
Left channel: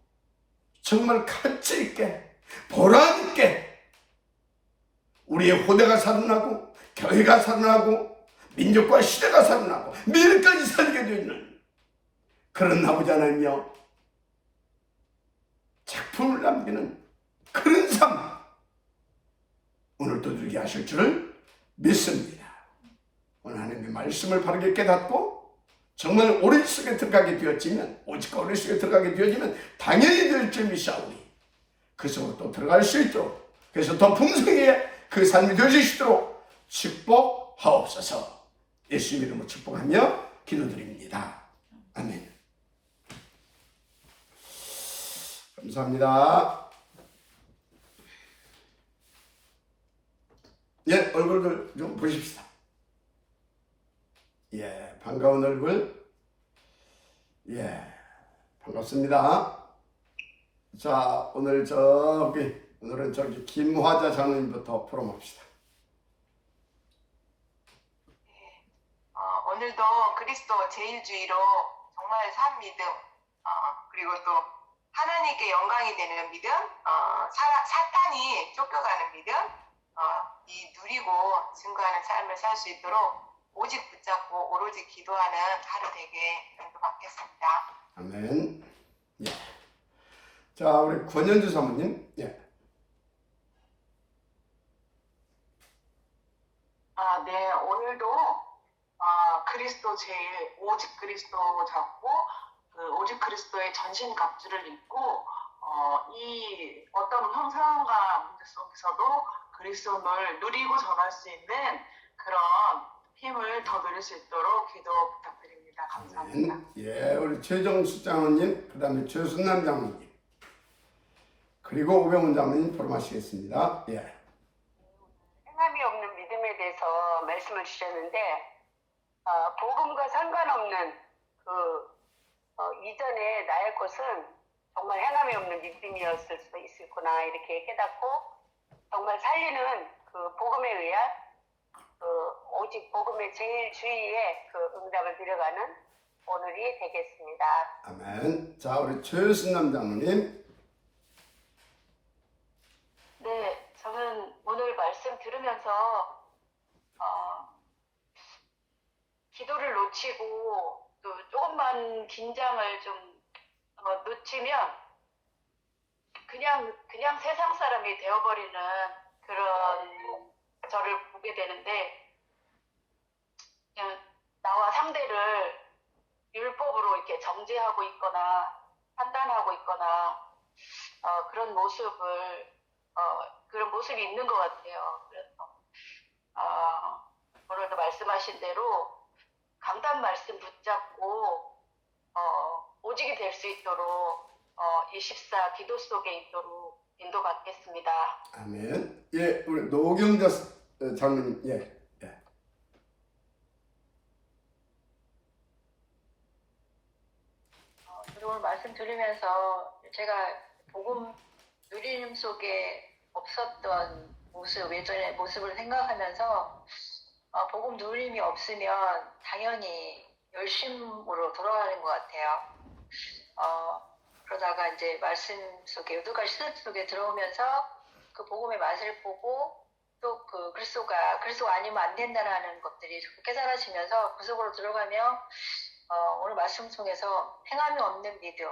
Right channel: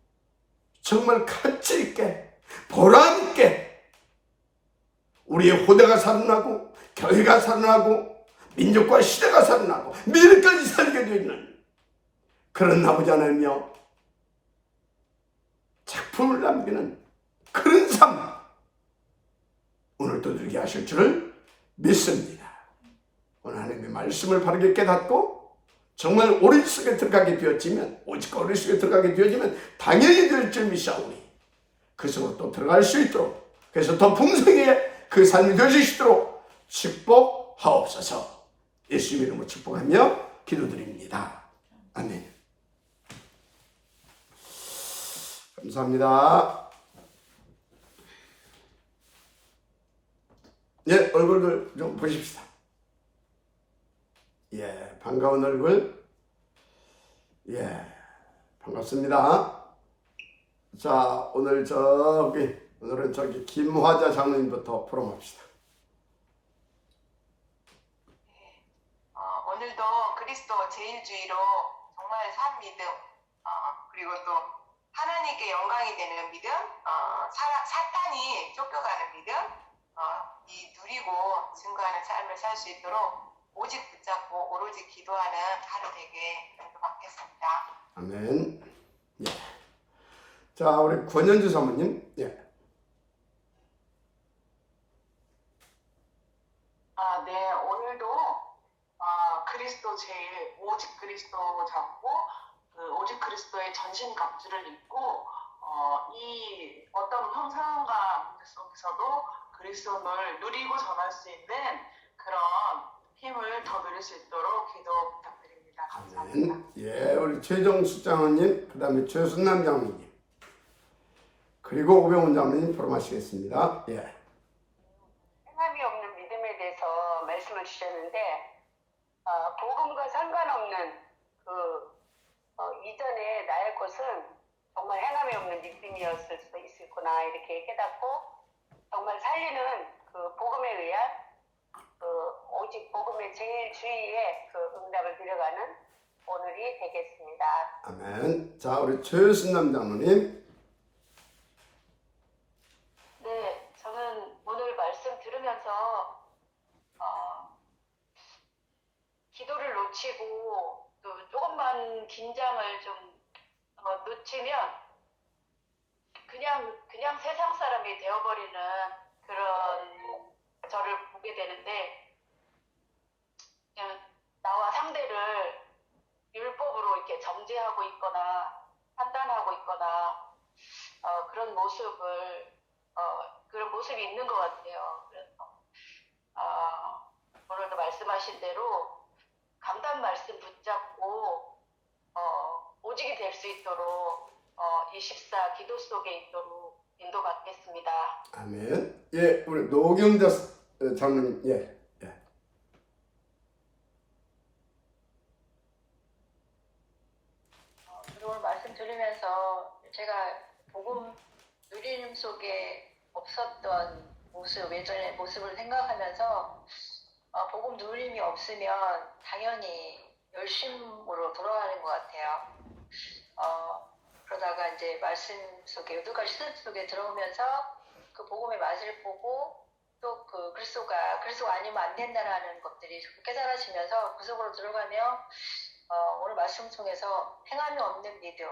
정말 가치 있게 보람 있게 우리의 호대가 살아나고 교회가 살아나고 민족과 시대가 살아나고 미래까지 살게 되는 그런 아버지 하나님이여, 작품을 남기는 그런 삶 오늘도 누리게 하실 줄을 믿습니다. 오늘 하나님의 말씀을 바르게 깨닫고 정말 오리 속에 들어가게 되어지면, 오직 오리 속에 들어가게 되어지면 당연히 될 줄 믿사오니 그 속으로 또 들어갈 수 있도록, 그래서 더 풍성하게 그 삶이 되어지시도록 축복하옵소서. 예수 이름으로 축복하며 기도드립니다. 아멘. 감사합니다. 예, 얼굴을 좀 보십시다. 예, 반가운 얼굴. 예, 반갑습니다. 자, 오늘은 저기 김화자 장로님부터 포럼합시다. 오늘도 그리스도 제일주의로 정말 산 믿음, 그리고 또 하나님께 영광이 되는 믿음, 사탄이 쫓겨가는 믿음, 이 누리고 증거하는 삶을 살 수 있도록 오직 붙잡고 오로지 기도하는 하루 되게 기도받겠습니다. 아멘. 예. 자, 우리 권현주 사모님. 예. 네, 오늘도 그리스도 제일, 오직 그리스도 잡고 오직 그리스도의 전신갑주를 입고 이 어떤 형상과 문제 속에서도 그리스도를 누리고 전할 수 있는 그런 힘을 더 누릴 수 있도록 기도 부탁드립니다. 아멘. 예, 우리 최정수 장로님, 그 다음에 최순남 장로님, 그리고 오병훈 장로님 포럼하시겠습니다. 예. 행함이 없는 믿음에 대해서 말씀을 주셨는데 복음과 상관없는 이전에 나의 것은 정말 행함이 없는 믿음이었을 수도 있구나 이렇게 깨닫고 정말 살리는 그 복음에 의한 오직 복음의 제일 주위에 그 응답을 드려가는 오늘이 되겠습니다. 아멘. 자, 우리 최순남 장로님. 네, 저는 오늘 말씀 들으면서 기도를 놓치고 또 조금만 긴장을 좀 놓치면 그냥 세상 사람이 되어버리는 그런 저를 보게 되는데 그냥 나와 상대를 율법으로 이렇게 정죄하고 있거나 판단하고 있거나 그런 모습이 있는 것 같아요. 그래서 오늘도 말씀하신 대로 강단 말씀 붙잡고 오직이 될 수 있도록 24 기도 속에 있도록 인도받겠습니다. 아멘. 예, 우리 노경자 장로님. 예. 오늘 말씀 들으면서 제가 복음 누림 속에 없었던 모습, 예전의 모습을 생각하면서 복음 누림이 없으면 당연히 열심으로 돌아가는 것 같아요. 그러다가 이제 말씀 속에 여덟 시대 속에 들어오면서 그 복음의 맛을 보고 또 그 그리스도가 아니면 안 된다라는 것들이 깨달아지면서 그 속으로 들어가면 오늘 말씀 속에서 행함이 없는 믿음,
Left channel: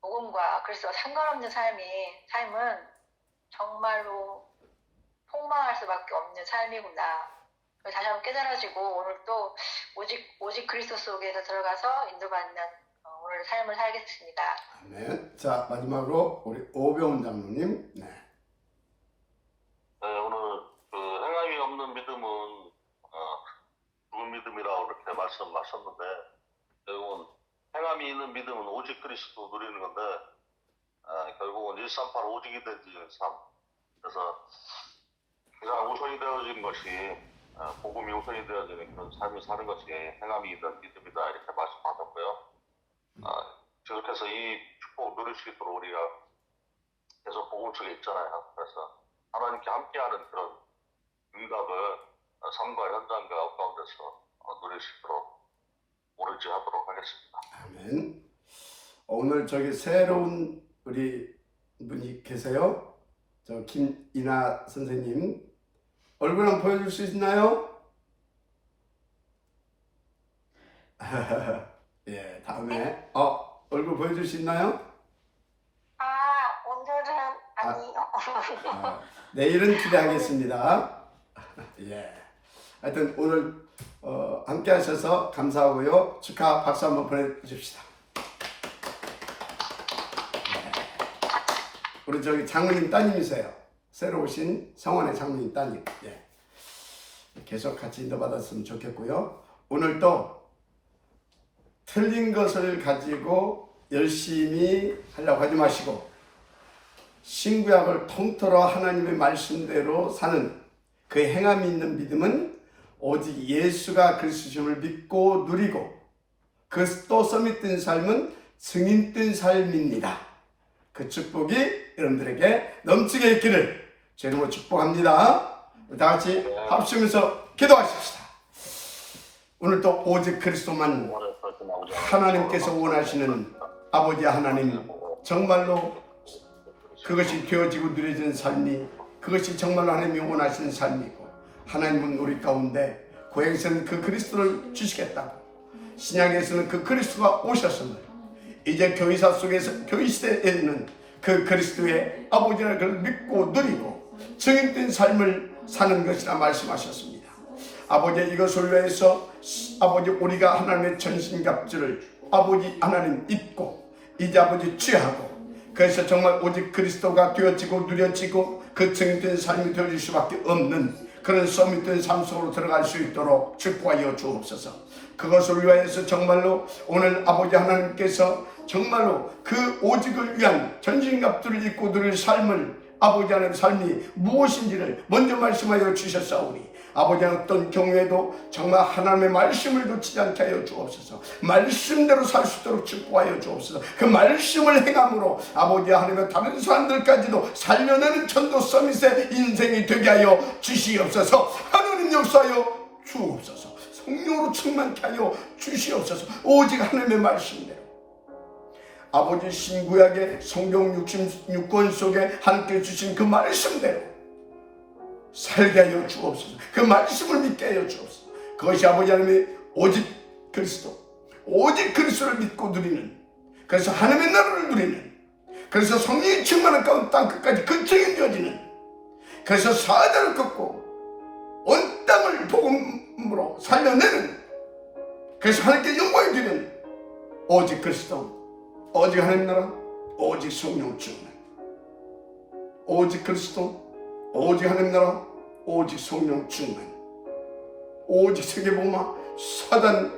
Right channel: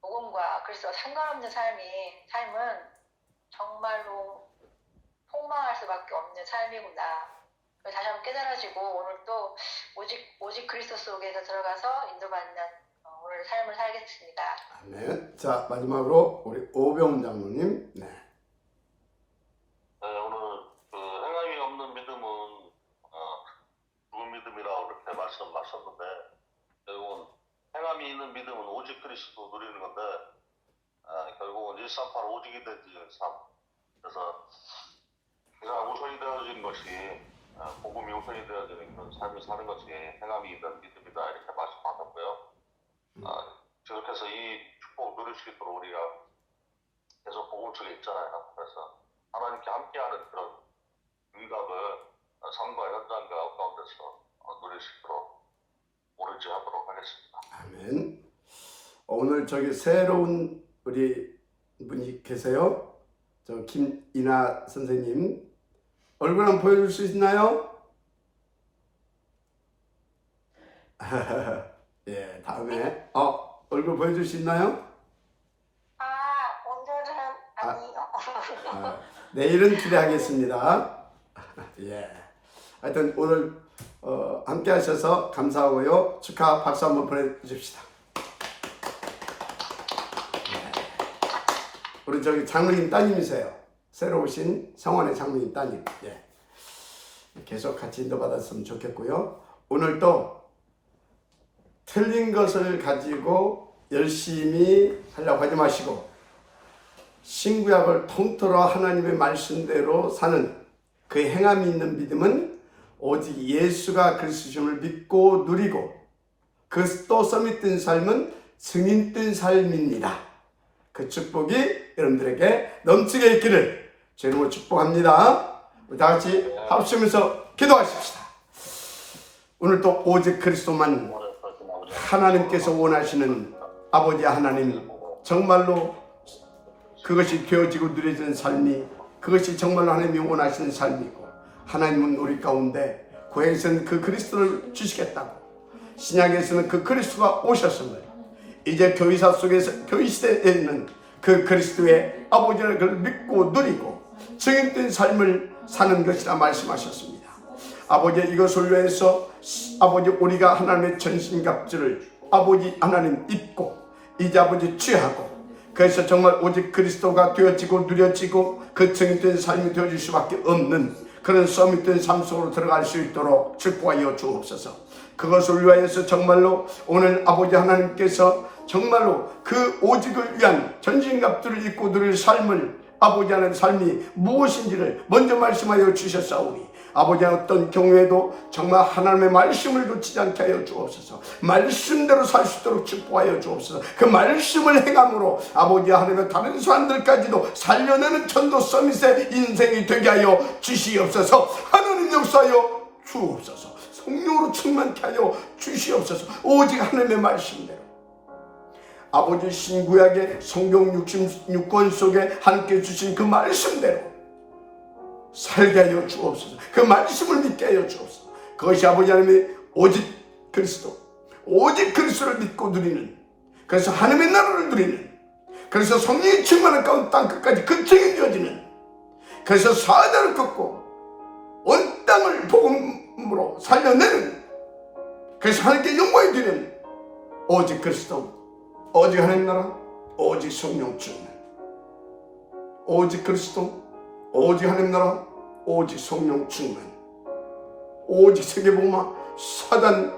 복음과 그리스도와 상관없는 삶은 정말로 폭망할 수밖에 없는 삶이구나. 다시 한번 깨달아지고 오늘 또 오직 그리스도 속에서 들어가서 인도받는 오늘 삶을 살겠습니다. 아멘. 자, 마지막으로 우리 오병훈 장로님. 네. 오늘 그 행함이 없는 믿음은 죽은 믿음이라고 이렇게 말씀하셨는데 결국은 행함이 있는 믿음은 오직 그리스도 누리는 건데 결국은 138 오직이 된 삶. 그래서 가장 우선이 되어진 것이 복음이 우선이 되어지는 그런 삶을 사는 것이 행함이 있는 믿음이다 이렇게 말씀하셨고요. 계속해서 이 축복을 누릴 수 있도록 우리가 계속 복음 속에 있잖아요. 그래서 하나님께 함께하는 그런 응답을 삶과 현장과 가운데서 누릴 수 있도록 오늘지 하도록 하겠습니다. 아멘. 오늘 저기 새로운 우리 분이 계세요. 저 김이나 선생님 얼굴 한번 보여줄 수 있나요? 예, 다음에 얼굴 보여줄 수 있나요? 오늘은 아니요. 내일은 기대하겠습니다. 예. 하여튼 오늘 함께 하셔서 감사하고요. 축하 박수 한번 보내주십시다. 예. 우리 저기 장로님 따님이세요. 새로 오신 성원의 장로님 따님. 예. 계속 같이 인도받았으면 좋겠고요. 오늘도 틀린 것을 가지고 열심히 하려고 하지 마시고 신구약을 통틀어 하나님의 말씀대로 사는 그 행함이 있는 믿음은 오직 예수가 그리스도심을 믿고 누리고 그 또 썸이 뜬 삶은 증인 뜬 삶입니다. 그 축복이 여러분들에게 넘치게 있기를 주님으로 축복합니다. 우리 다 같이 합심해서 기도하십시다. 오늘도 오직 그리스도만 하나님께서 원하시는 아버지 하나님, 정말로 그것이 되어지고 누려지는 삶이 그것이 정말로 하나님이 원하시는 삶이고 하나님은 우리 가운데 구약에서는 그 그리스도를 주시겠다고 신약에서는 그 그리스도가 오셨음을 이제 교회사 속에서 교회 시대에는 그 그리스도의 아버지를 그걸 믿고 누리고 증인된 삶을 사는 것이라 말씀하셨습니다. 아버지 이것을 위해서 아버지 우리가 하나님의 전신갑주를 아버지 하나님 입고 이제 아버지 취하고 그래서 정말 오직 그리스도가 되어지고 누려지고 그 증인된 삶이 되어질 수밖에 없는 그런 썸이 된 삶 속으로 들어갈 수 있도록 축복하여 주옵소서. 그것을 위하여서 정말로 오늘 아버지 하나님께서 정말로 그 오직을 위한 전신갑주를 입고 누릴 삶을 아버지 하나님의 삶이 무엇인지를 먼저 말씀하여 주셨사오니 아버지 어떤 경우에도 정말 하나님의 말씀을 놓치지 않게 하여 주옵소서. 말씀대로 살 수 있도록 축복하여 주옵소서. 그 말씀을 행함으로 아버지 하나님의 다른 사람들까지도 살려내는 전도 서밋의 인생이 되게 하여 주시옵소서. 하나님 역사하여 주옵소서. 성령으로 충만케 하여 주시옵소서. 오직 하나님의 말씀대로 아버지 신구약의 성경 66권 속에 함께 주신 그 말씀대로 살게 하여 주옵소서. 그 말씀을 믿게 하여 주옵소서. 그것이 아버지 하나님의 오직 그리스도, 오직 그리스도를 믿고 누리는, 그래서 하나님의 나라를 누리는, 그래서 성령이 충만한 가운데 땅 끝까지 근처에 되어지는, 그래서 사자를 꺾고 온 땅을 복음으로 살려내는, 그래서 하나님께 영광이 되는 오직 그리스도, 오직 하나님 나라, 오직 성령 충만, 오직 그리스도, 오직 하나님 나라, 오직 성령 충만, 오직 세계복음화, 사단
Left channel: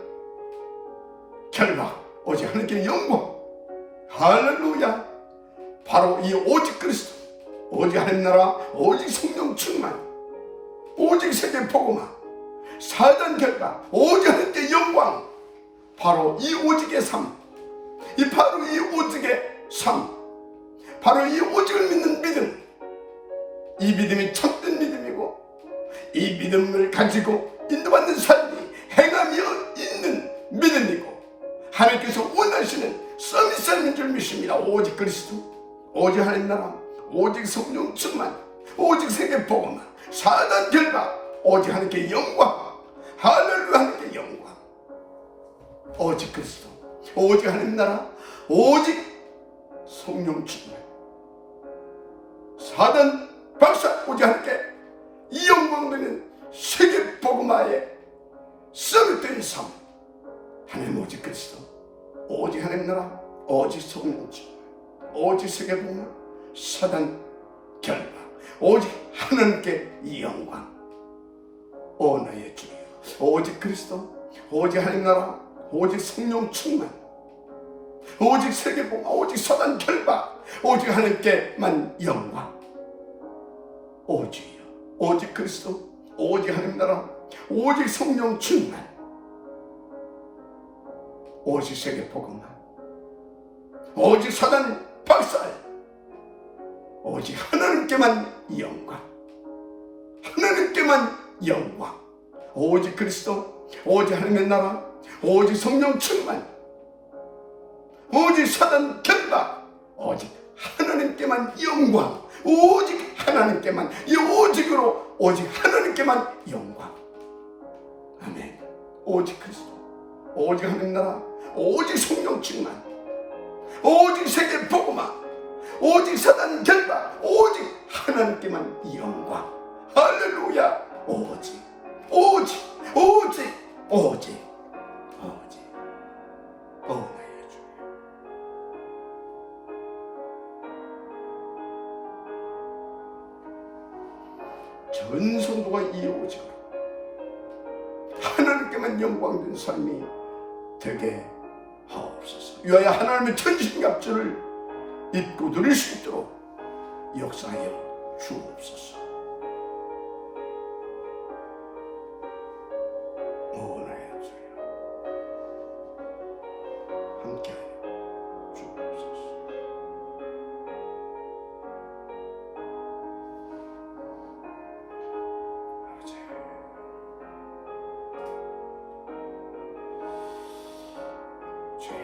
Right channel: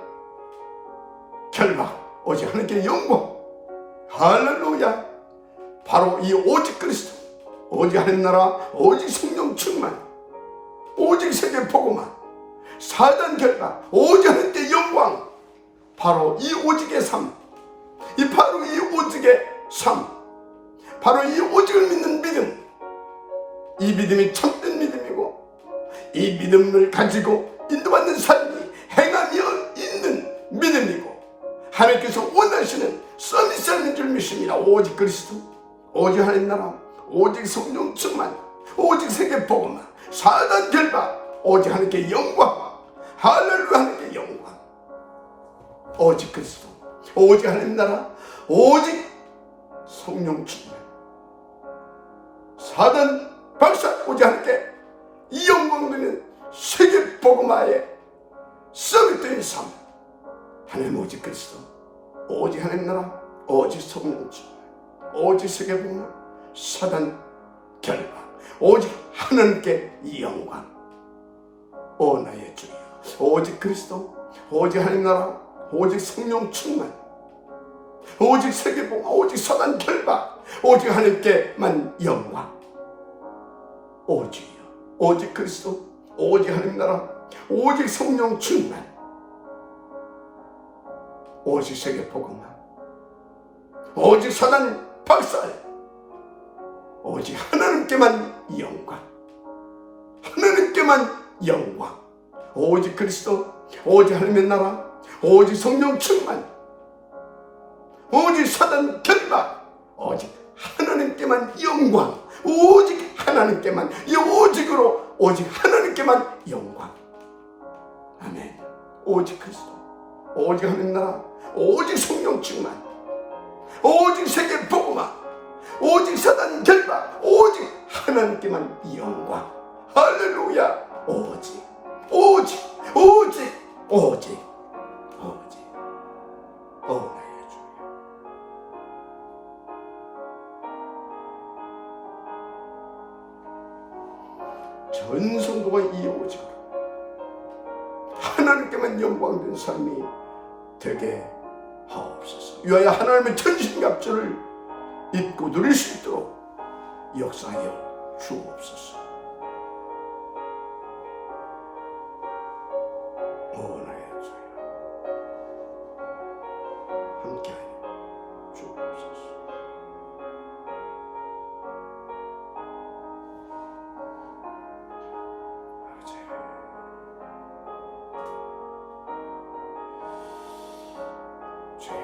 결박, 오직 하나님께 영광. 할렐루야. 바로 이 오직 그리스도, 오직 하나님 나라, 오직 성령 충만, 오직 세계복음화, 사단 결박, 오직 하나님께 영광. 바로 이 오직의 삶, 바로 이 오직의 삶, 바로 이 오직을 믿는 믿음, 이 믿음이 참된 믿음이고 이 믿음을 가지고 인도받는 삶이 행함이 있는 믿음이고 하나님께서 원하시는 서밋삶인 줄 믿습니다. 오직 그리스도, 오직 하나님 나라, 오직 성령 충만, 오직 세계 복음화, 사단 결박, 오직 하나님께 영광. 할렐루야. 하나님께 영광. 오직 그리스도, 오직 하나님 나라, 오직 성령 충만, 사단 박사, 오직 하나님께 이 영광 드리는 세계 복음화의 서밋된 삶. 하나님 오직 그리스도, 오직 하나님 나라, 오직 성령 충만, 오직 세계 복음화, 사단 결박, 오직 하나님께 이 영광. 오 나의 주여, 오직 그리스도, 오직 하나님 나라, 오직 성령 충만, 오직 세계 복음화, 오직 사단 결박, 오직 하나님께만 영광. 오직이요, 오직 그리스도, 오직 하나님 나라, 오직 성령 충만, 오직 세계 복음화, 오직 사단 박살, 오직 하나님께만 영광. 하나님께만 영광. 오직 그리스도, 오직 하나님의 나라, 오직 성령 충만, 오직 사단 결박, 오직 하나님께만 영광. 오직 하나님께만, 이 오직으로 오직 하나님께만 영광. 아멘. 오직 그리스도, 오직 하나님 나라, 오직 성령 충만, 오직 세계 복음화, 오직 사단 결박, 오직 하나님께만 영광. 할렐루야. 오직, 오직, 오직, 오직, 오직. 오 나의 주. 전 성도가 이 오직으로 하나님께만 영광된 삶이 되게 하옵소서. 위하여 하나님의 천신갑주를 입고 누릴 수 있도록 역사하여 주옵소서. 오 나의 주여, 함께하여 주옵소서. 주여,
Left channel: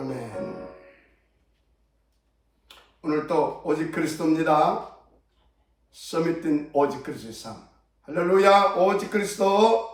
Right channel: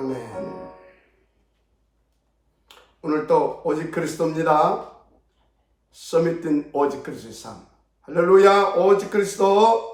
아멘. 오늘 또 오직 그리스도입니다. 서밋된 오직 그리스도의 삶. 할렐루야. 오직 그리스도.